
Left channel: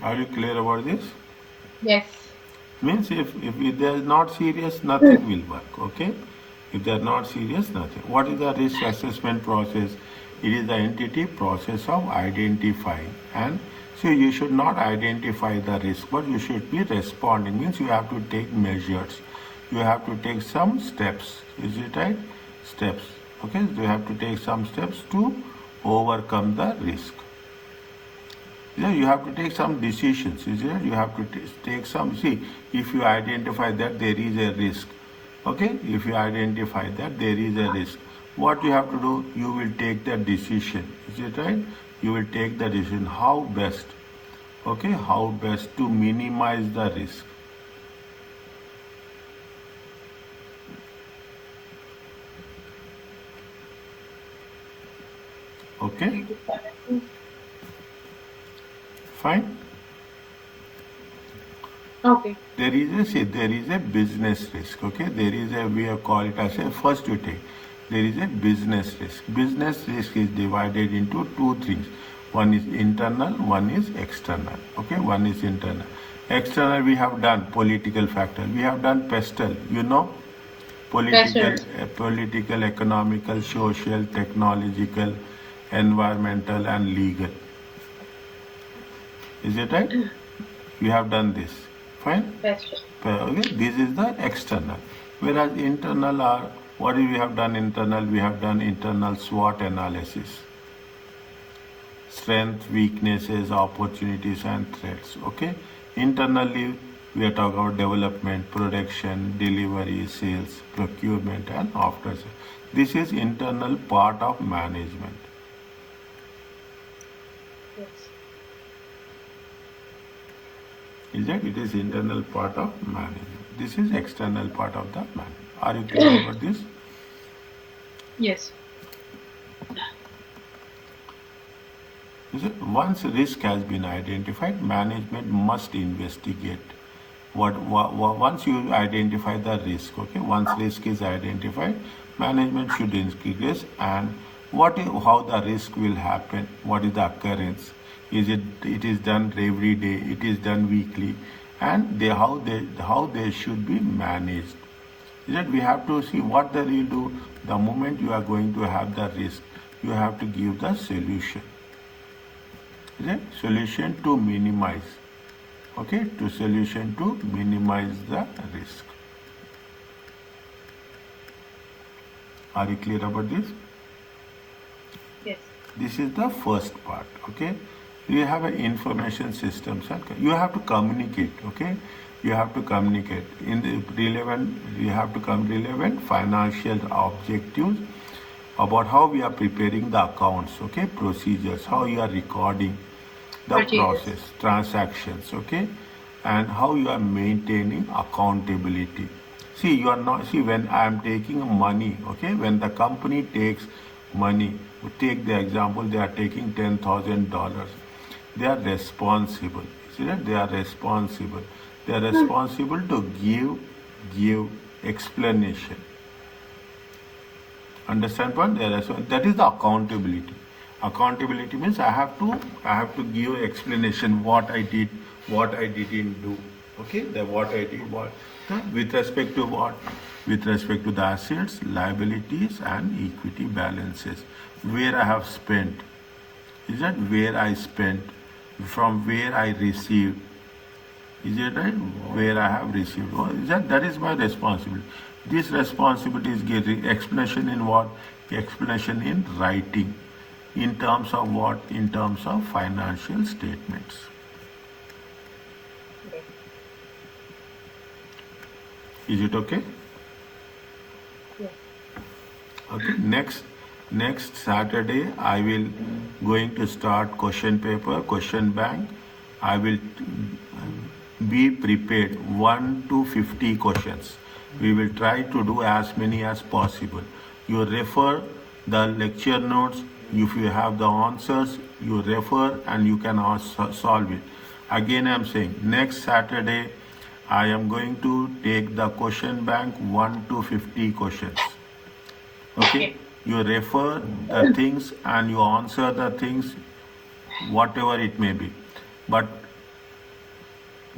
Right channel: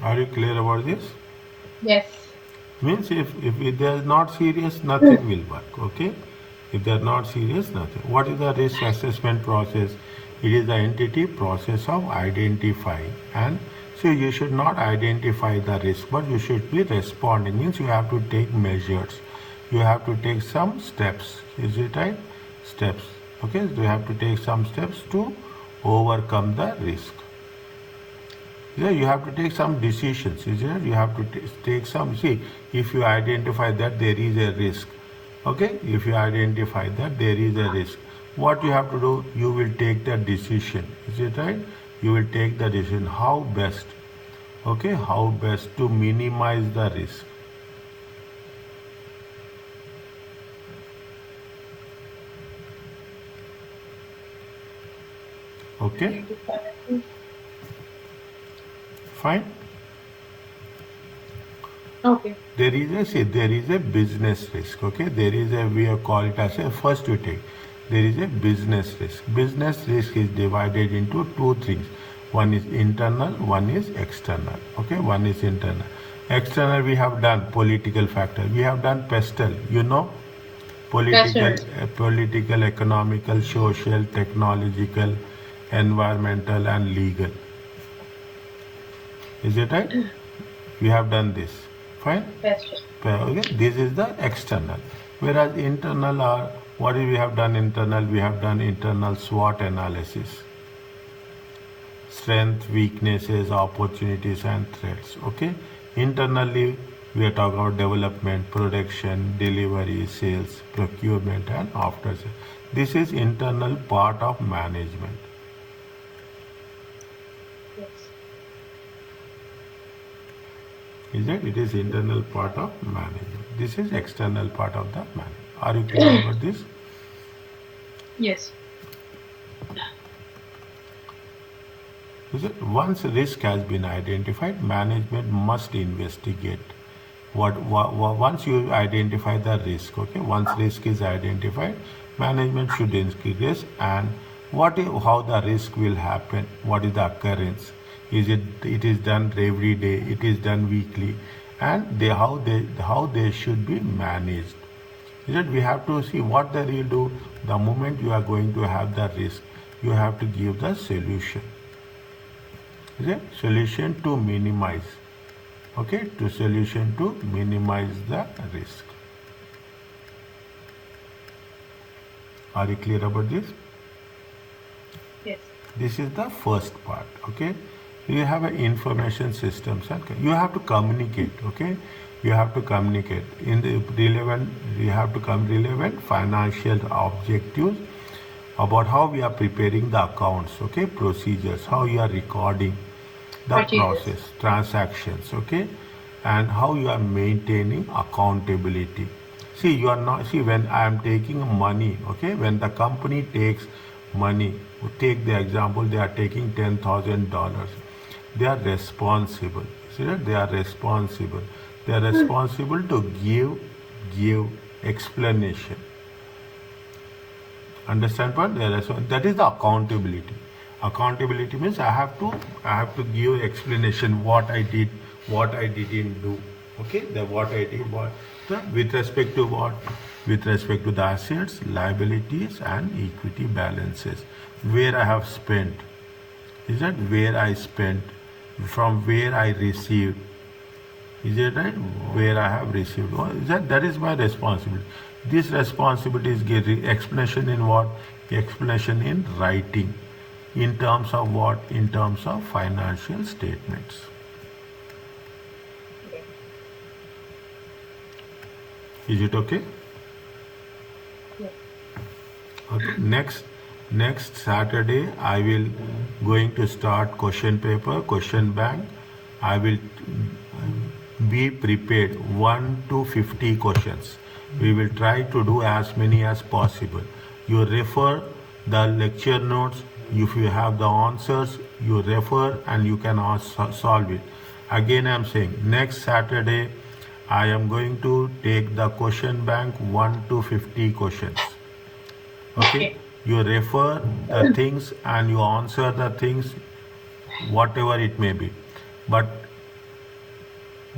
Are you clear about this? Yes. Means if they are not serious, nothing will work. Okay? If they are not serious, nothing. What is the risk assessment process? It is the entity process of identifying. And so you should not identify the risk, but you should be responding. Means you have to take measures. You have to take some steps. Is it right? Steps. Okay? So you have to take some steps to overcome the risk. Yeah, you have to take some decisions. You have to take some. See, if you identify that there is a risk, okay? If you identify that there is a risk, what you have to do? You will take the decision. Is it right? You will take the decision. How best? Okay, how best to minimize the risk? Okay, fine. Okay. There is a business risk. Okay, there is a, we have called it as a first you take. There is a business risk. Business risk is divided into two things. One is internal, one is external. Okay, one is internal. External we have done political factor. We have done pestle. You know, political, economical, social, technological, environmental, and legal. Is it right? We have done this. Fine? Okay. This is the external. Whereas internal are, what we have done internal? We have done internal SWOT analysis. Strength, weaknesses, opportunities, and threats. Okay? Internally, we are talking about development, production, delivery, sales, procurement, and after sales. This is internal part of management. Yes. Is that it is internal part of management. This is external part of the management. Are you clear about this? Yes. Once risk has been identified, management must investigate. Once you identify the risk, okay, once risk is identified, management should investigate and how the risk will happen, what is the occurrence. It is done every day, it is done weekly, and how they should be managed. That we have to see what they will do. The moment you are going to have the risk, you have to give the solution. Solution to minimize. Okay, to solution to minimize the risk. Are you clear about this? Yes. This is the first part. Okay, you have an information systems. You have to communicate. Okay, you have to communicate in the relevant. You have to come relevant financial objectives about how we are preparing the accounts. Okay, procedures, how you are recording the process, transactions. Okay, and how you are maintaining accountability. See, you are not. See, when I am taking money. Okay, when the company takes money, take the example, they are taking $10,000. They are responsible. See that they are responsible. They are responsible to give explanation. Understand what? That is the accountability. Accountability means I have to give explanation what I did, what I didn't do. Okay, what I did, with respect to what with respect to the assets, liabilities and equity balances. Where I have spent, is that where I spent, from where I received, is it right? Where I have received. Or is that is my responsibility. This responsibility is getting explanation in what? Explanation in writing. In terms of what? In terms of financial statements. Okay. Is it okay? Yes. Okay. Next Saturday I will going to start question paper, question bank. I will be prepared 1 to 50 questions. We will try to do as many as possible. You refer the lecture notes. If you have the answers, you refer and you can solve it. Again, I am saying next Saturday I am going to take the question bank 1 to 50 questions. Okay? You refer the things and you answer the things, whatever it may be. But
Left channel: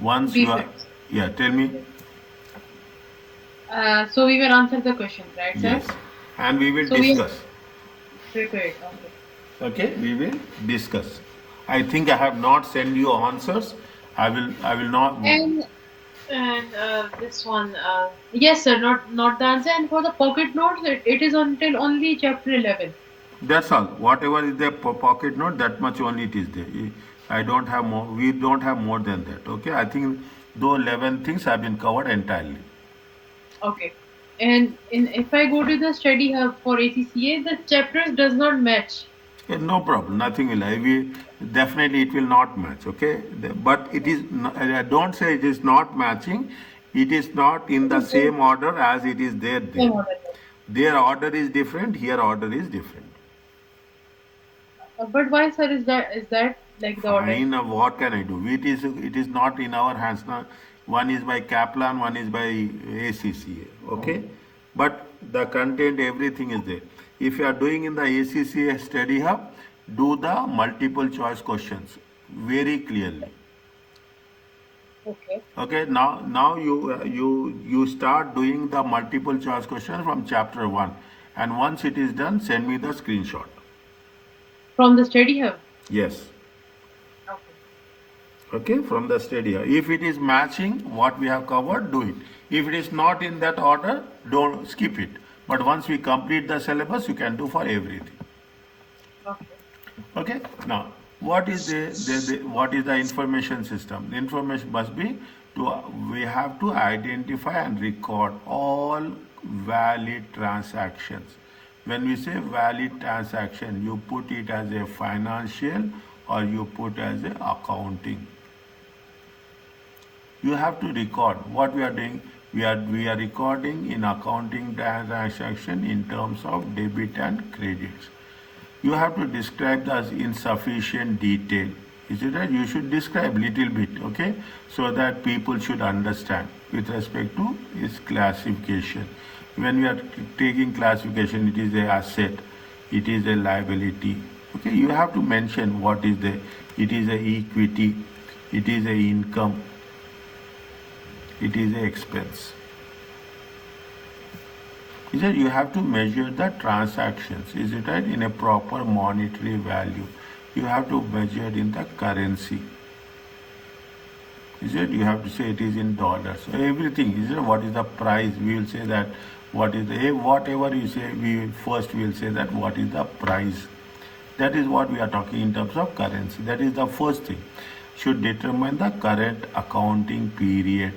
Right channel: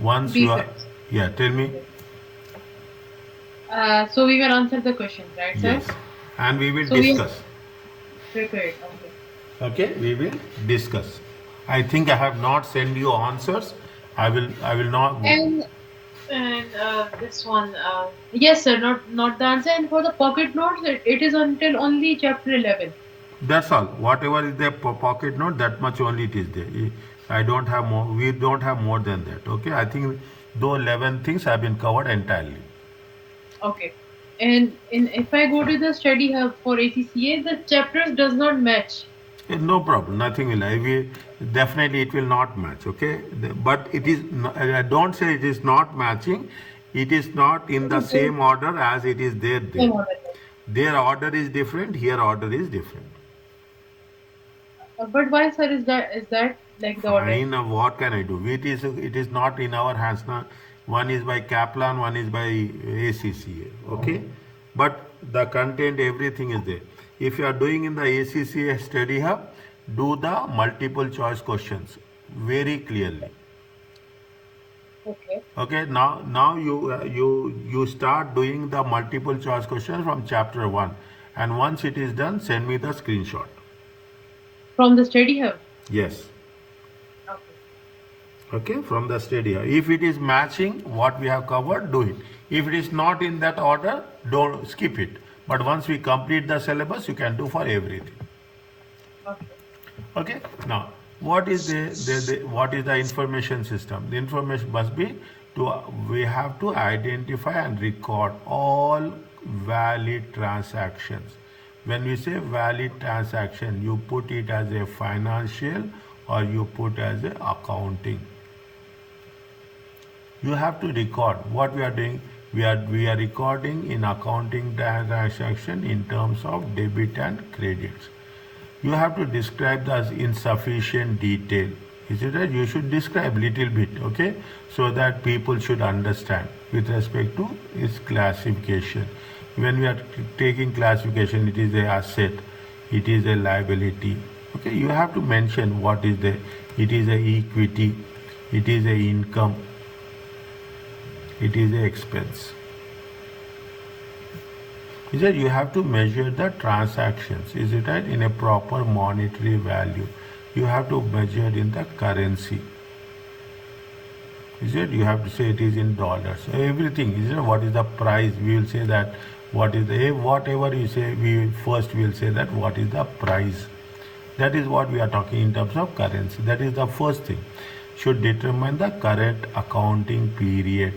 once you are, Briefers. yeah, tell me. So we will answer the questions, right, sir? Yes. And we will So we are discuss. prepared. Okay. Okay, we will discuss. I think I have not sent you answers. I will not. And this one, yes, sir. Not the answer. And for the pocket notes, it is until only chapter 11. That's all. Whatever is the pocket note, that much only it is there. I don't have more. We don't have more than that. Okay. I think those 11 things have been covered entirely. Okay. And if I go to the study hub for ACCA, the chapters does not match. No problem. Nothing will. Definitely it will not match. Okay. But it is. Don't say it is not matching. It is not in the same order as it is there. Same order. Their order is different. Here order is different. But why, sir, is that like the order? Fine, what can I do? It is not in our hands now. One is by Kaplan, one is by ACCA. Okay, but the content, everything is there. If you are doing in the ACCA study hub, do the multiple choice questions very clearly. Okay. Okay, now you start doing the multiple choice questions from chapter 1, and once it is done, send me the screenshot. From the study hub. Yes. Okay. Okay, from the study. If it is matching what we have covered, do it. If it is not in that order, don't skip it. But once we complete the syllabus, you can do for everything. Okay. Okay. Now, what is what is the information system? The information must be we have to identify and record all valid transactions. When we say valid transaction, you put it as a financial or you put as a accounting. You have to record what we are doing. We are recording in accounting transaction in terms of debit and credits. You have to describe that in sufficient detail. Is it right? You should describe little bit, okay, so that people should understand with respect to its classification. When we are taking classification, it is a asset, it is a liability. Okay, you have to mention what is the. It is a equity, it is a income, it is a expense. Is that you have to measure the transactions, is it right, in a proper monetary value. You have to measure in the currency. Is it? You have to say it is in dollars. So everything, is it? What is the price? We will say that what is the, whatever you say, we will say that what is the price. That is what we are talking in terms of currency. That is the first thing. Should determine the current accounting period.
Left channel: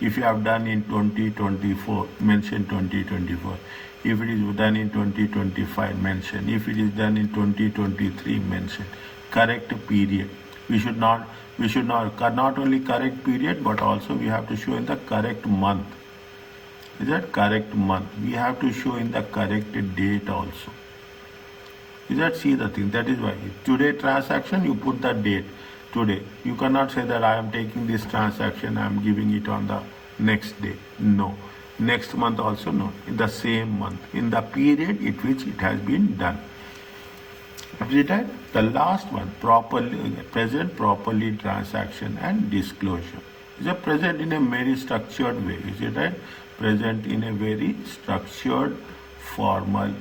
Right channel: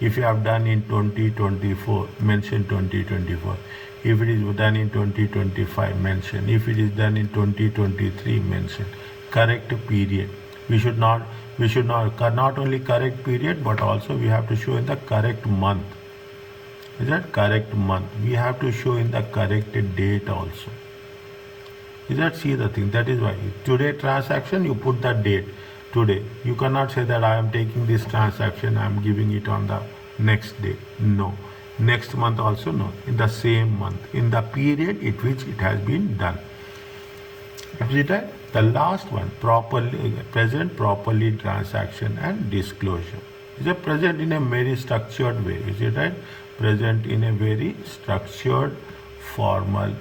If you have done in 2024, mention 2024. If it is done in 2025, mention. If it is done in 2023, mention. Correct period. We should not only correct period, but also we have to show in the correct month. Is that correct month? We have to show in the correct date also. Is that, see the thing? That is why today transaction, you put the date today. You cannot say that I am taking this transaction, I am giving it on the next day. No. Next month also no. In the same month. In the period in which it has been done. Is it right? The last one, present properly transaction and disclosure. Is it present in a very structured way? Is it right? present in a very structured, formal,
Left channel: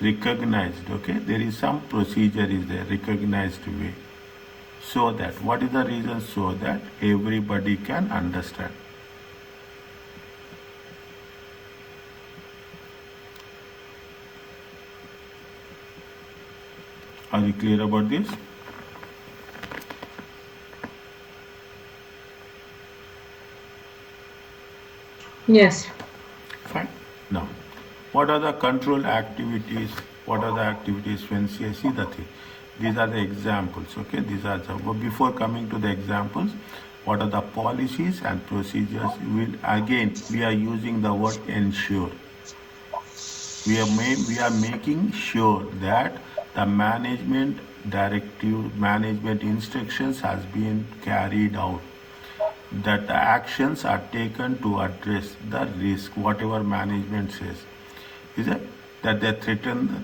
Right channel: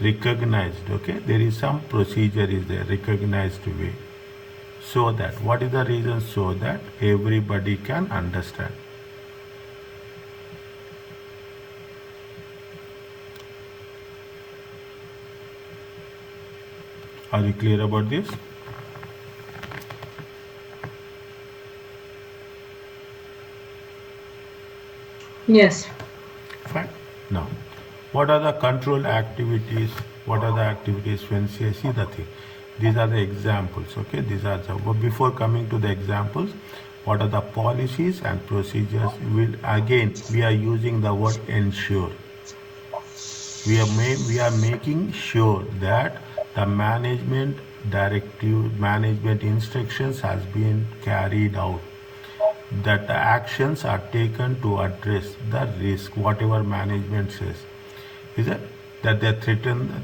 recognized. Okay, there is some procedure is there, recognized way. So that what is the reason? So that everybody can understand. Are you clear about this? Yes. Fine. Now, what are the control activities? What are the activities when see the thing? These are the examples. Okay, these are the. But before coming to the examples, what are the policies and procedures? We are using the word ensure. We are making sure that the management directive, management instructions has been carried out, that the actions are taken to address the risk, whatever management says. Is it that they threaten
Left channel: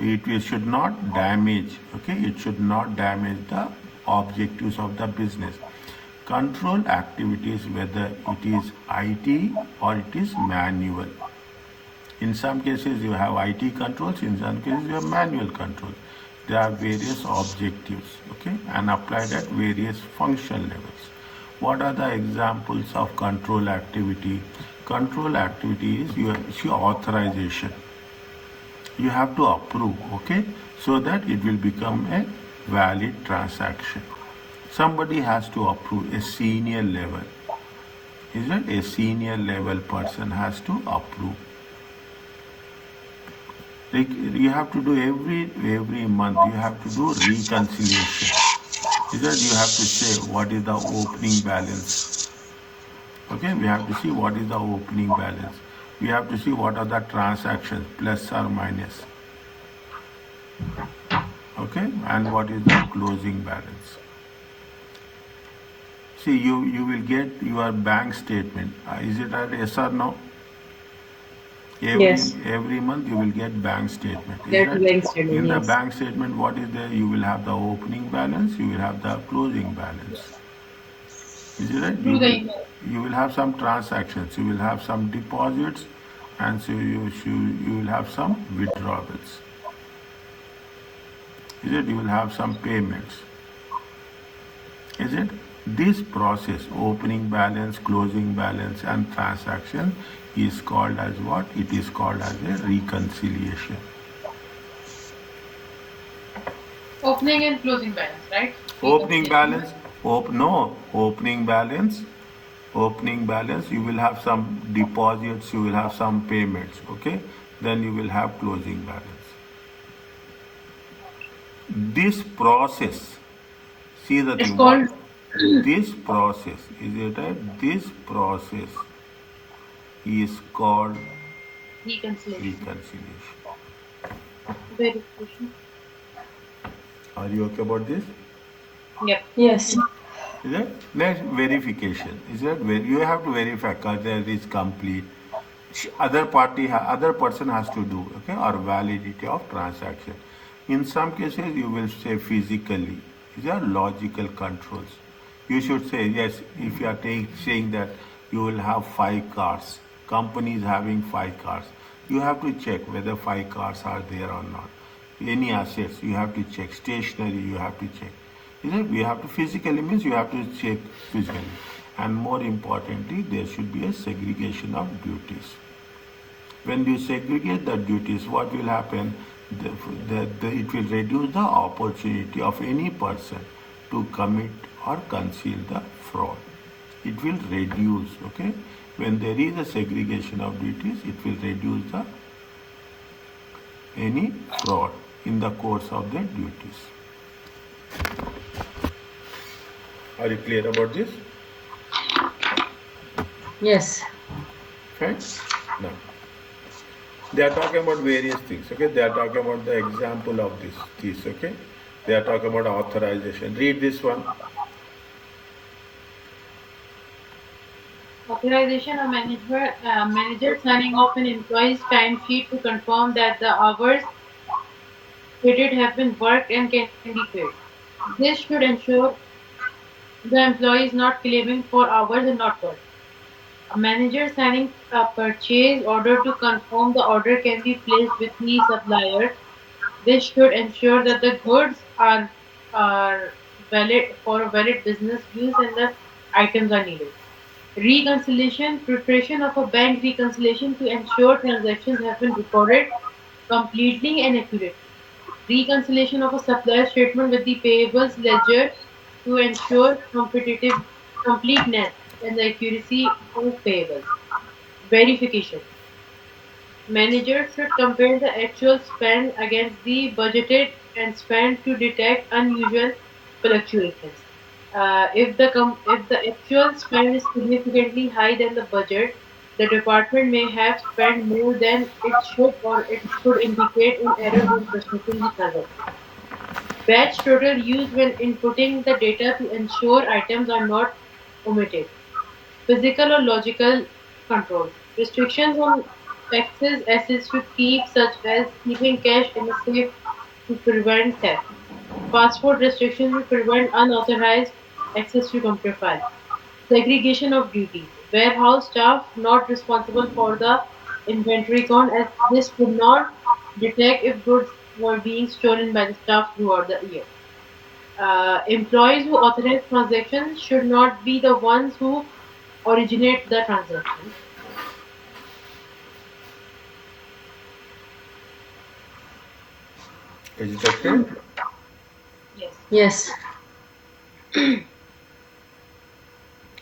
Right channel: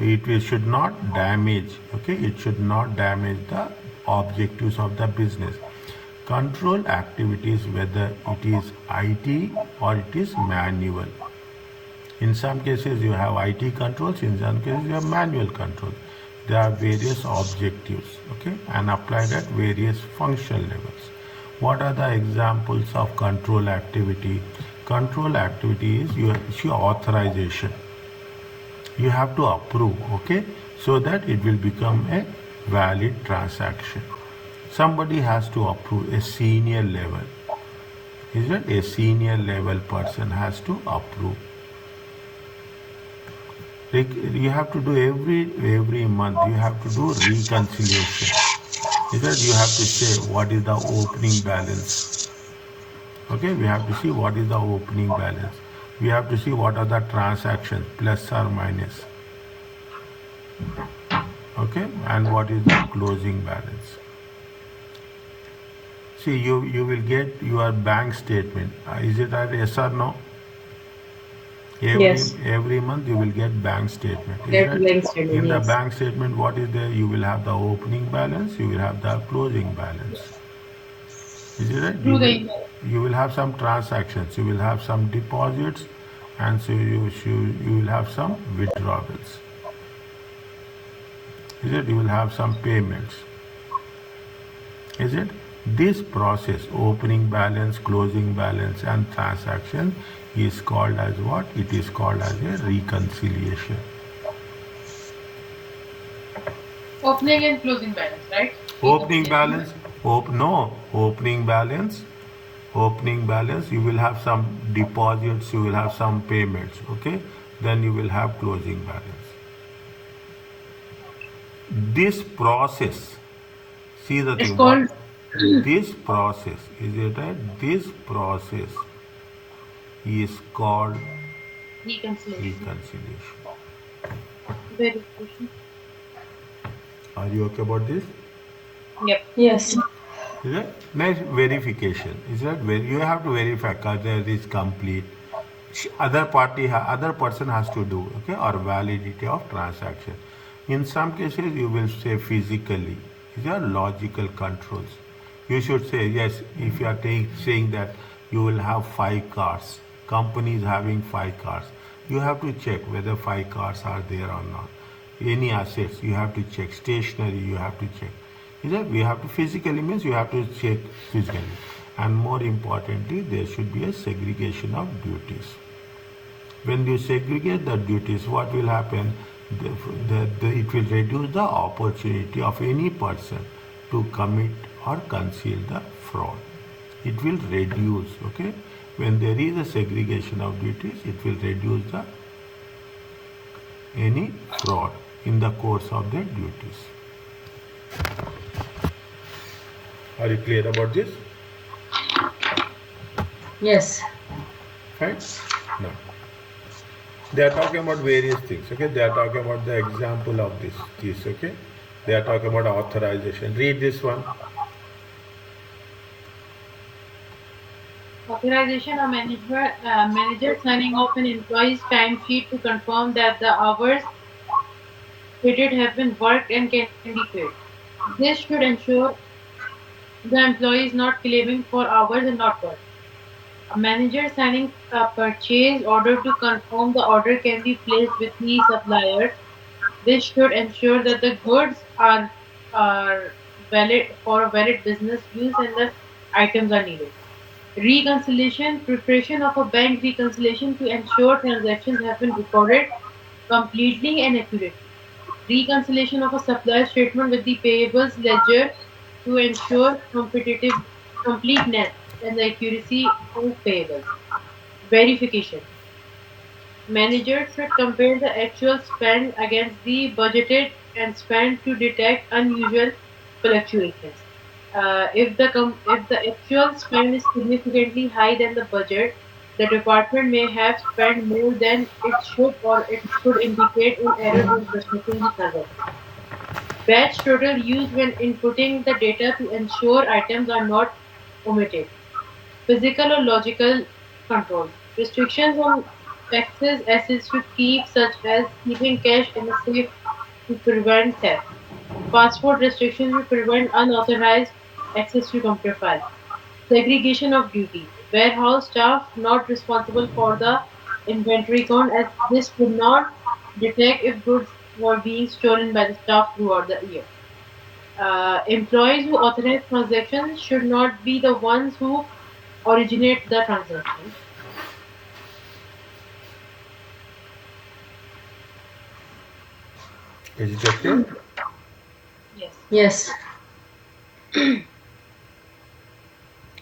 it should not damage, okay, it should not damage the objectives of the business. Control activities, whether it is IT or it is manual. In some cases you have IT controls, in some cases you have manual controls. There are various objectives, okay, and applied at various functional levels. What are the examples of control activity? Control activity is your authorization. You have to approve, okay, so that it will become a valid transaction. Somebody has to approve, a senior level. Is it a senior level person has to approve? Like you have to do every month. You have to do reconciliation. Is that you have to say what is the opening balance. Okay, we have to see what is the opening balance. We have to see what are the transactions, plus or minus. Okay, and what is the closing balance. See, you will get your bank statement. Is it a yes or no? Yes. Every month you will get bank statement. Is Get that bank statement. in the Yes. bank statement what is there? You will have the opening balance, you will have the closing balance. Is it right? Through the email. You will have some transactions, you will have some deposits, and so you will have some withdrawals. Is it? You will have some payments. Is it? This process, opening balance, closing balance, and transaction, is called as what? It is called as a reconciliation. Opening and closing balance, right? Opening Reconciliation. balance, no, opening balance, you will have some deposits, you will have some payments, okay? Then you will have closing balance. This process, see the It's thing, called this process, is it right? This process is called reconciliation. reconciliation. Verification. Are you okay about this? Yep. Yes. Is it? Next, verification. Is that where you have to verify whether it is complete. Other person has to do, okay, or validity of transaction. In some cases, you will say physically. These are logical controls. You should say yes if you are saying that you will have 5 cars. Company is having 5 cars. You have to check whether 5 cars are there or not. Any assets you have to check. Stationery you have to check. Is it? We have to physically means you have to check physically. And more importantly, there should be a segregation of duties. When you segregate the duties, what will happen? It will reduce the opportunity of any person to commit or conceal the fraud. It will reduce, okay? When there is a segregation of duties, it will reduce the any fraud in the course of their duties. Are you clear about this? Yes. Fine. Now, they are talking about various things. Okay, they are talking about the example of this. Okay, they are talking about authorization. Read this one. Authorization of manager signing off an employee's timesheet to confirm that the hours stated have been worked and can be paid. This should ensure the employee is not claiming for hours and not worked. A manager signing a purchase order to confirm the order can be placed with the supplier. This should ensure that the goods are valid for a valid business use and the items are needed. Reconciliation, preparation of a bank reconciliation to ensure transactions have been recorded completely and accurately. Reconciliation of a supplier statement with the payables ledger to ensure completeness and the accuracy of payables. Verification. Managers should compare the actual spend against the budgeted and spend to detect unusual fluctuations. If the actual spend is significantly higher than the budget, the department may have spent more than it should, or it should indicate an error when processing the transaction. Batch total used when inputting the data to ensure items are not omitted. Physical or logical controls. Restrictions on access assets to keep, such as keeping cash in a safe to prevent theft. Passport restrictions to prevent unauthorized access to computer files. Segregation of duties. Warehouse staff not responsible for the inventory count, as this could not detect if goods were being stolen by the staff throughout the year. Employees who authorize transactions should not be the ones who originate the transaction. Is it okay? Yes. Yes.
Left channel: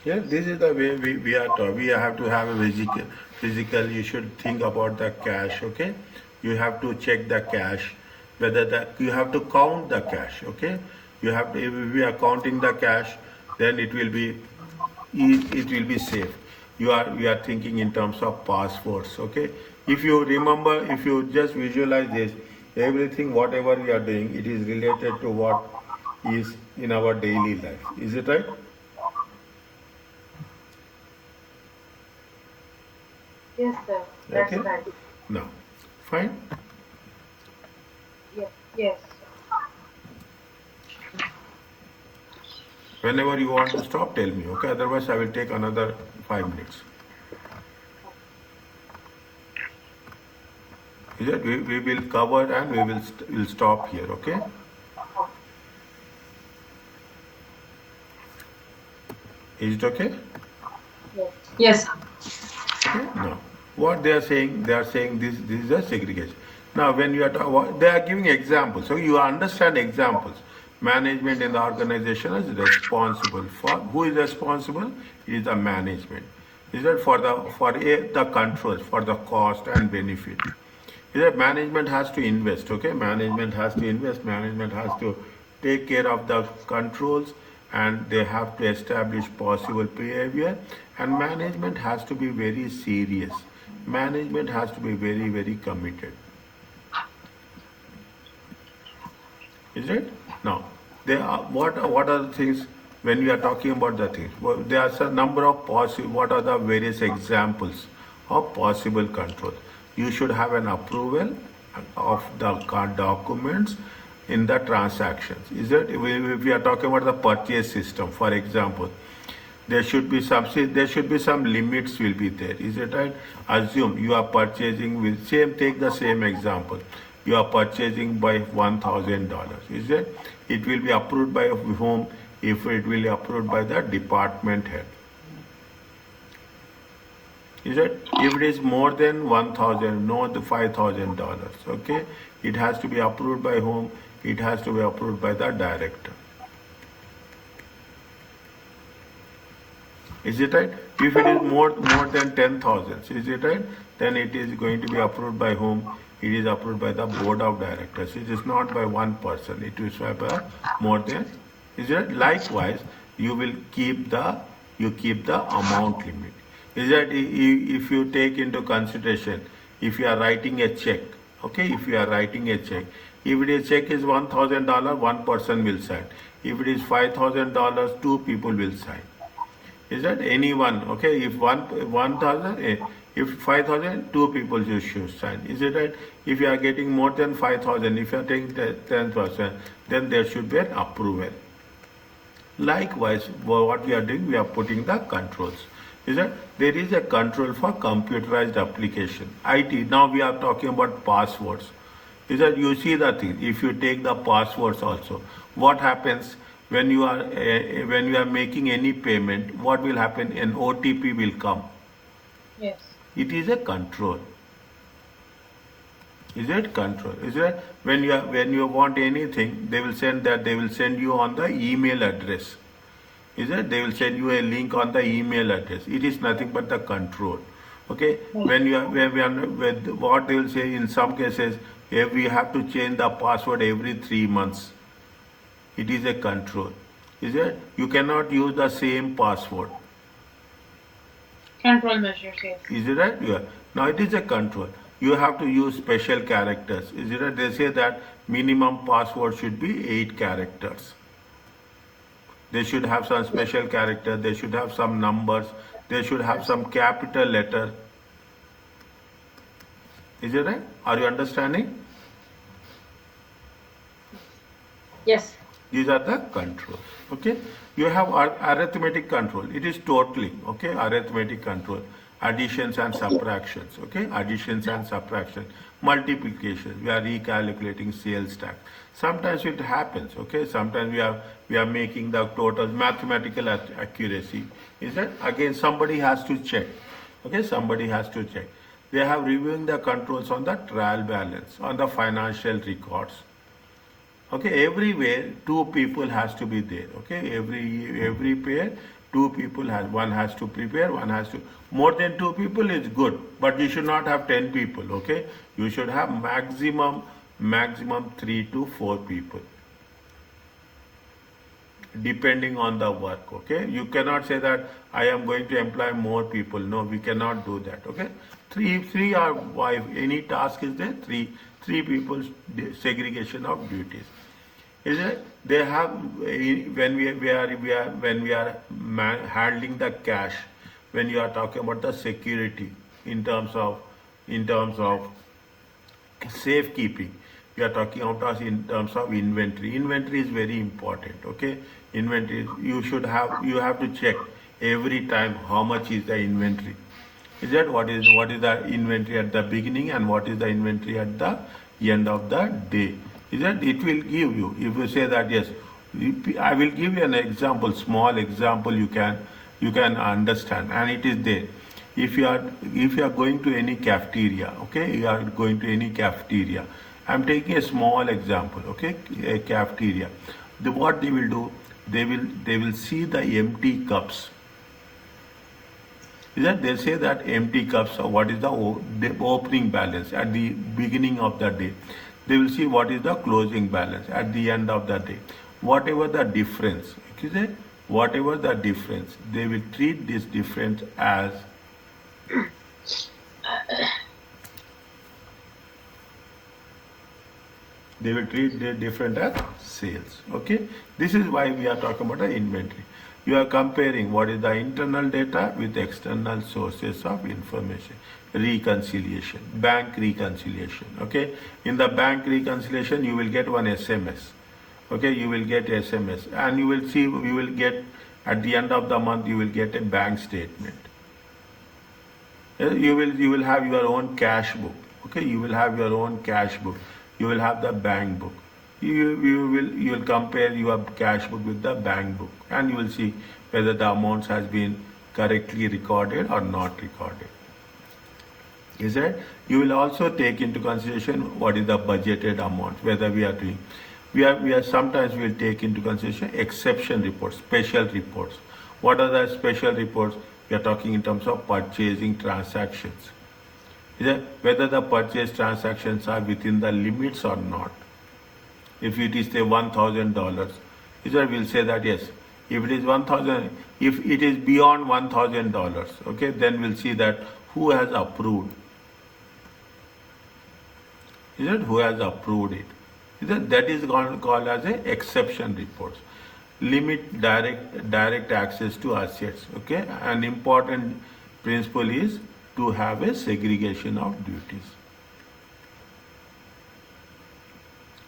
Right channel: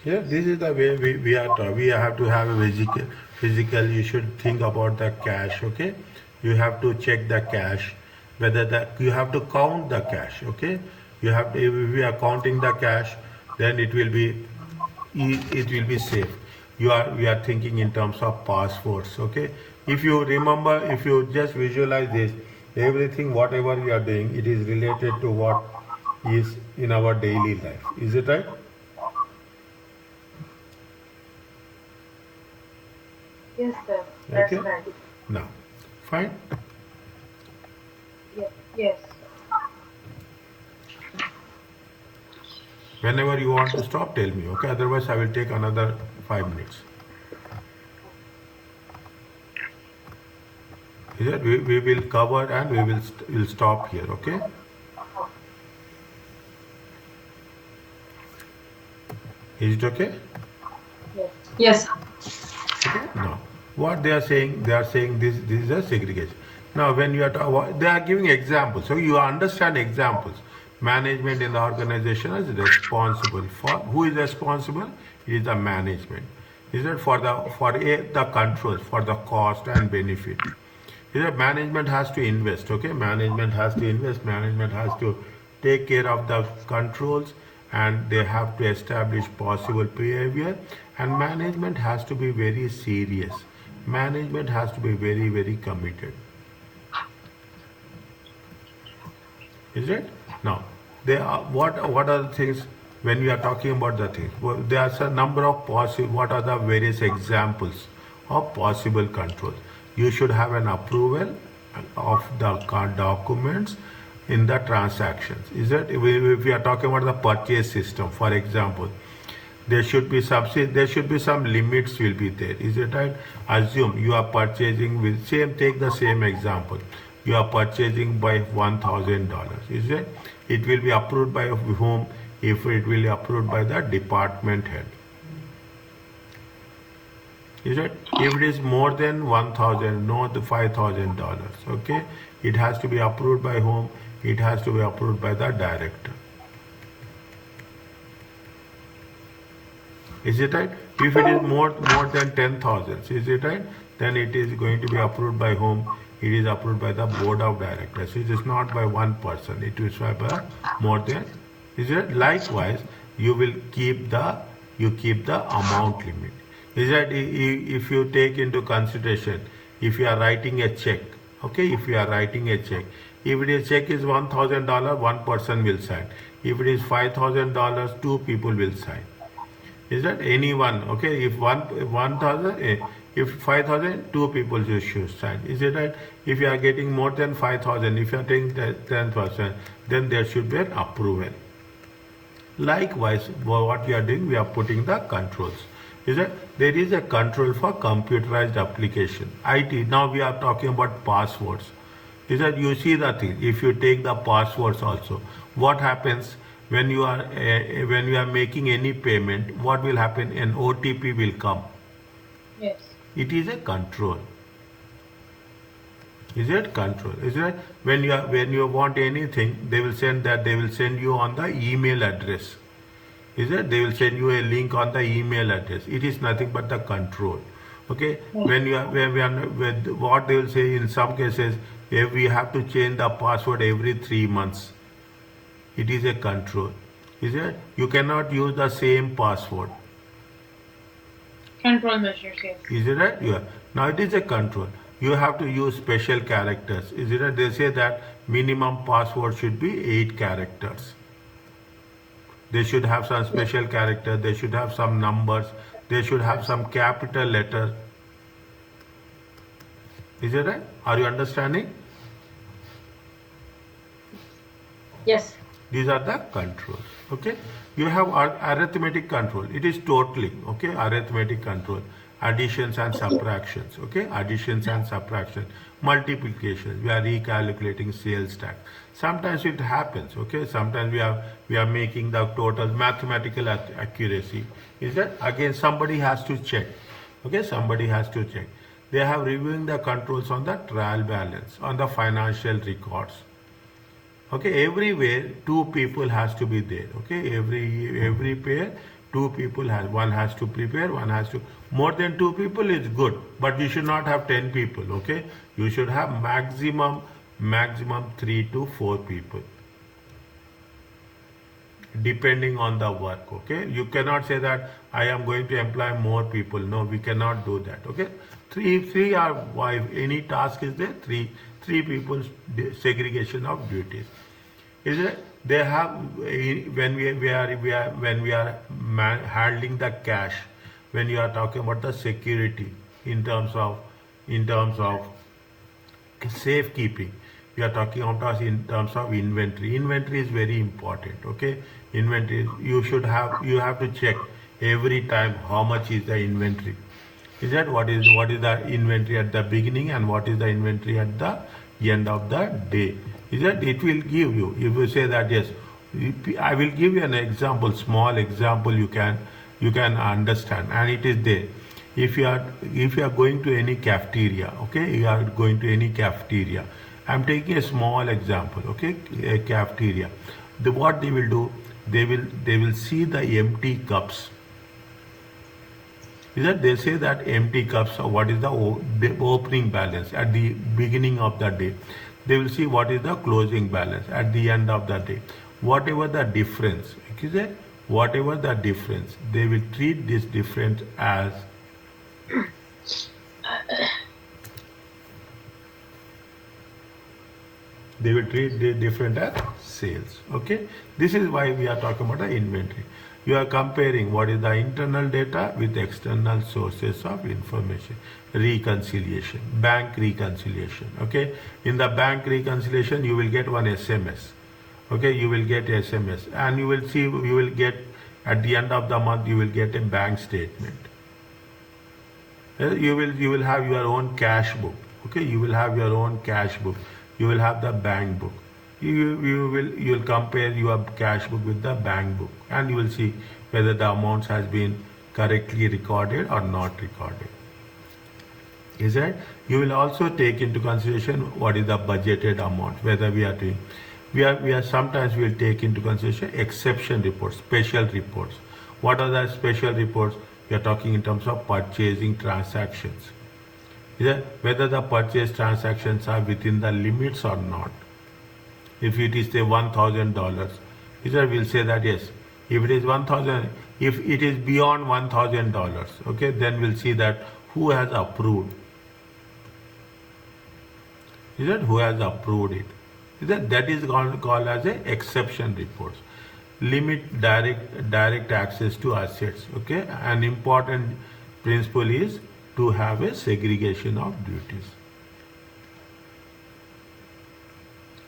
Yeah, this is the way we are taught. We have to have a physical, you should think about the cash, okay? You have to check the cash, whether you have to count the cash, okay? You have to, if we are counting the cash, then it will be safe. We are thinking in terms of passports, okay? If you remember, if you just visualize this, everything, whatever we are doing, it is related to what is in our daily life. Is it right? Yes, sir. That's Okay. right. Now, fine. Yes. Yes. Whenever you want to stop, tell me. Okay. Otherwise, I will take another 5 minutes. Is it? We will cover and will stop here. Okay. Is it okay? Yes. Yes. Okay. Now, what they are saying this is a segregation. Now, when you are they are giving examples, so you understand examples. Management in the organization is responsible for who is responsible? It is the management. Is that the controls for the cost and benefit? Is that management has to invest? Okay, management has to invest. Management has to take care of the controls, and they have to establish possible behavior, and management has to be very serious. Management has to be very committed. Is it? Now, there are what are the things when we are talking about the things? Well, there are a number of possible. What are the various examples of possible controls? You should have an approval of the documents in the transactions. Is it? If we are talking about the purchase system, for example, there should be some limits will be there. Is it right? Assume you are purchasing with take the same example. You are purchasing by $1,000. Is it? It will be approved by whom? If it will be approved by the department head. Is it? If it is more than 1,000, not the $5,000. Okay, it has to be approved by whom? It has to be approved by the director. Is it right? If it is more than 10,000, is it right? Then it is going to be approved by whom? It is approved by the board of directors. It is not by one person. It is by more than. Is it? Likewise, you will keep the amount limit. Is that if you take into consideration, if you are writing a check, okay, if you are writing a check, if it is check is $1,000, one person will sign. If it is $5,000, two people will sign. Is that anyone? Okay, if 1,000, if 5,000, two people should sign. Is it right? If you are getting more than 5,000, if you are taking 10%, then there should be an approval. Likewise, what we are doing, we are putting the controls. Is that there is a control for computerized application. IT, now we are talking about passwords. Is that you see the thing, if you take the passwords also, what happens when you are making any payment, what will happen? An OTP will come. Yes. It is a control. Is it control? Is it when you want anything, they will send you on the email address. Is it? They will send you a link on the email address. It is nothing but the control. Okay. When you are with what they will say in some cases, if we have to change the password every 3 months, it is a control. Is it? You cannot use the same password. Control measures, yes. Is it right? Yeah. Now it is a control. You have to use special characters. Is it right? They say that minimum password should be 8 characters. They should have some special character. They should have some numbers. They should have some capital letter. Is it right? Are you understanding? Yes. These are the controls. Okay. You have arithmetic control. It is totaling. Okay. Arithmetic control. Additions and subtractions. Okay. Additions and subtraction. Multiplications. We are recalculating sales tax. Sometimes it happens. Okay. Sometimes we are making the total mathematical accuracy. Is that again somebody has to check. Okay. Somebody has to check. They have reviewing the controls on the trial balance, on the financial records. Okay, everywhere 2 people has to be there. Okay, every pair 2 people one has to prepare, one has to, more than 2 people is good, but you should not have 10 people. Okay, you should have maximum 3 to 4 people, depending on the work. Okay, you cannot say that I am going to employ more people. No, we cannot do that. Okay, three are, if any task is there, three people's segregation of duties. Is it? They have, when we are handling the cash, when you are talking about the security in terms of safekeeping, we are talking about in terms of inventory. Inventory is very important. Okay, inventory, you have to check every time how much is the inventory. Is that what is the inventory at the beginning and what is the inventory at the end of the day? Is that it will give you, if you say that yes, I will give you an example, small example you can understand, and it is there. If you are going to any cafeteria, okay, you are going to any cafeteria. I am taking a small example, okay, a cafeteria. What they will do, they will see the empty cups. Is that they say that empty cups, what is the opening balance at the beginning of the day. They will see what is the closing balance at the end of the day. Whatever the difference, okay, whatever the difference, they will treat this difference as they will treat the different as sales. Okay, this is why we are talking about the inventory. You are comparing what is the internal data with external sources of information. Reconciliation, bank reconciliation. Okay, in the bank reconciliation you will get one SMS. Okay, you will get SMS, and you will get at the end of the month you will get a bank statement. You will have your own cash book. Okay, you will have your own cash book. You will have the bank book. You will compare your cash book with the bank book, and you will see whether the amounts has been correctly recorded or not recorded. Is that you will also take into consideration what is the budgeted amount, whether we are doing. We are sometimes we will take into consideration exception reports, special reports. What are the special reports? We are talking in terms of purchasing transactions. Is that whether the purchase transactions are within the limits or not. If it is say $1,000, we'll say that yes. If it is 1,000, if it is beyond $1,000, okay, then we'll see that who has approved. Is that who has approved it? Is that is called as a exception reports. Limit direct access to assets. Okay, an important principle is to have a segregation of duties.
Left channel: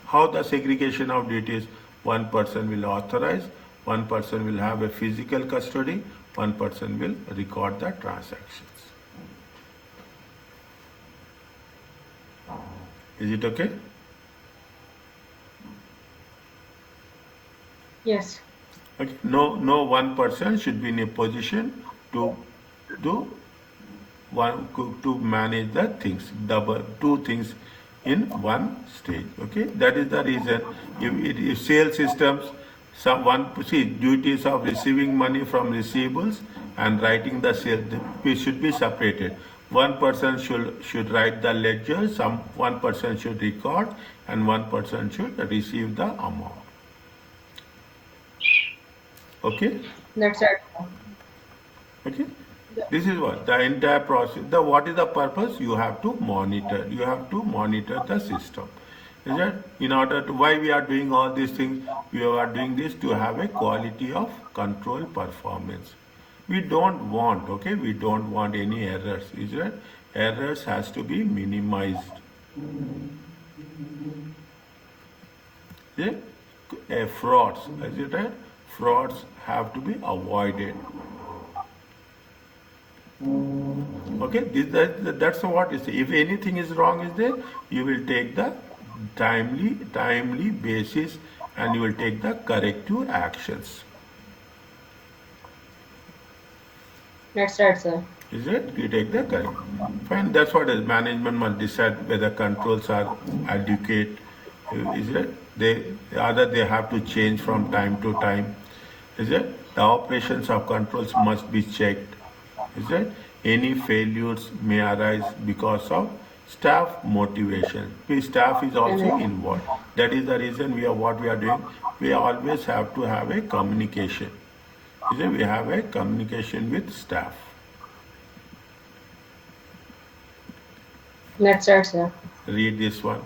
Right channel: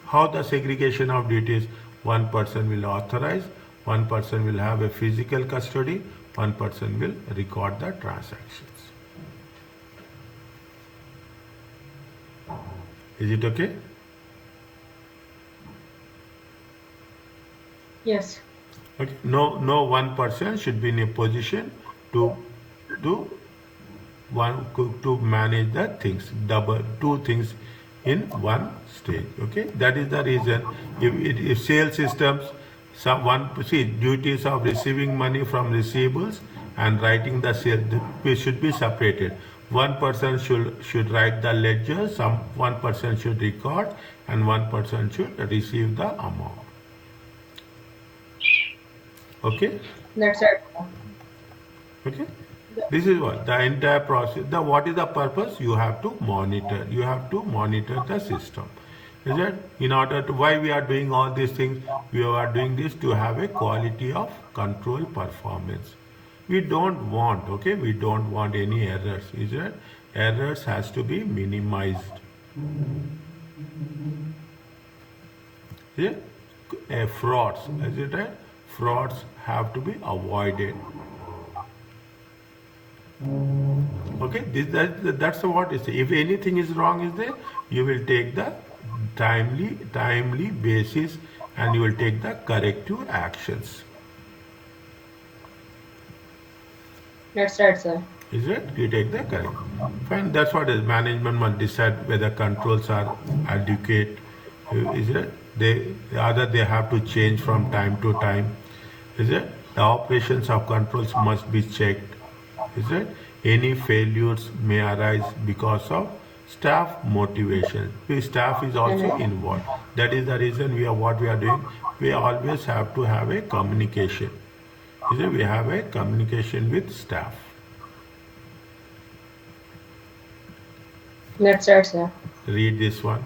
How the segregation of duties? One person will authorize, one person will have a physical custody, one person will record the transactions. Is it okay? Yes. Okay. No one person should be in a position to do to manage the things, two things in one stage. Okay, that is the reason. If sales systems, duties of receiving money from receivables and writing the sales, we should be separated. One person should write the ledger, one person should record, and one person should receive the amount. Okay. That's right. Okay. This is what the entire process. What is the purpose? You have to monitor. You have to monitor the system. Is it? In order to why we are doing all these things? We are doing this to have a quality of control performance. We don't want. Okay. We don't want any errors. Is it? Errors has to be minimized. Yeah? Frauds. Is it right? Frauds have to be avoided. Okay, that's what is. If anything is wrong is there, you will take the timely basis, and you will take the corrective actions. That's right, sir. Is it? You take the correct. Fine. That's what is. Management must decide whether controls are adequate. Is it? Either they have to change from time to time. Is it? The operations of controls must be checked. Is it? Any failures may arise because of staff motivation. Staff is also involved. That is the reason what we are doing. We always have to have a communication. Is it? We have a communication with staff. That's right, sir. Read this one.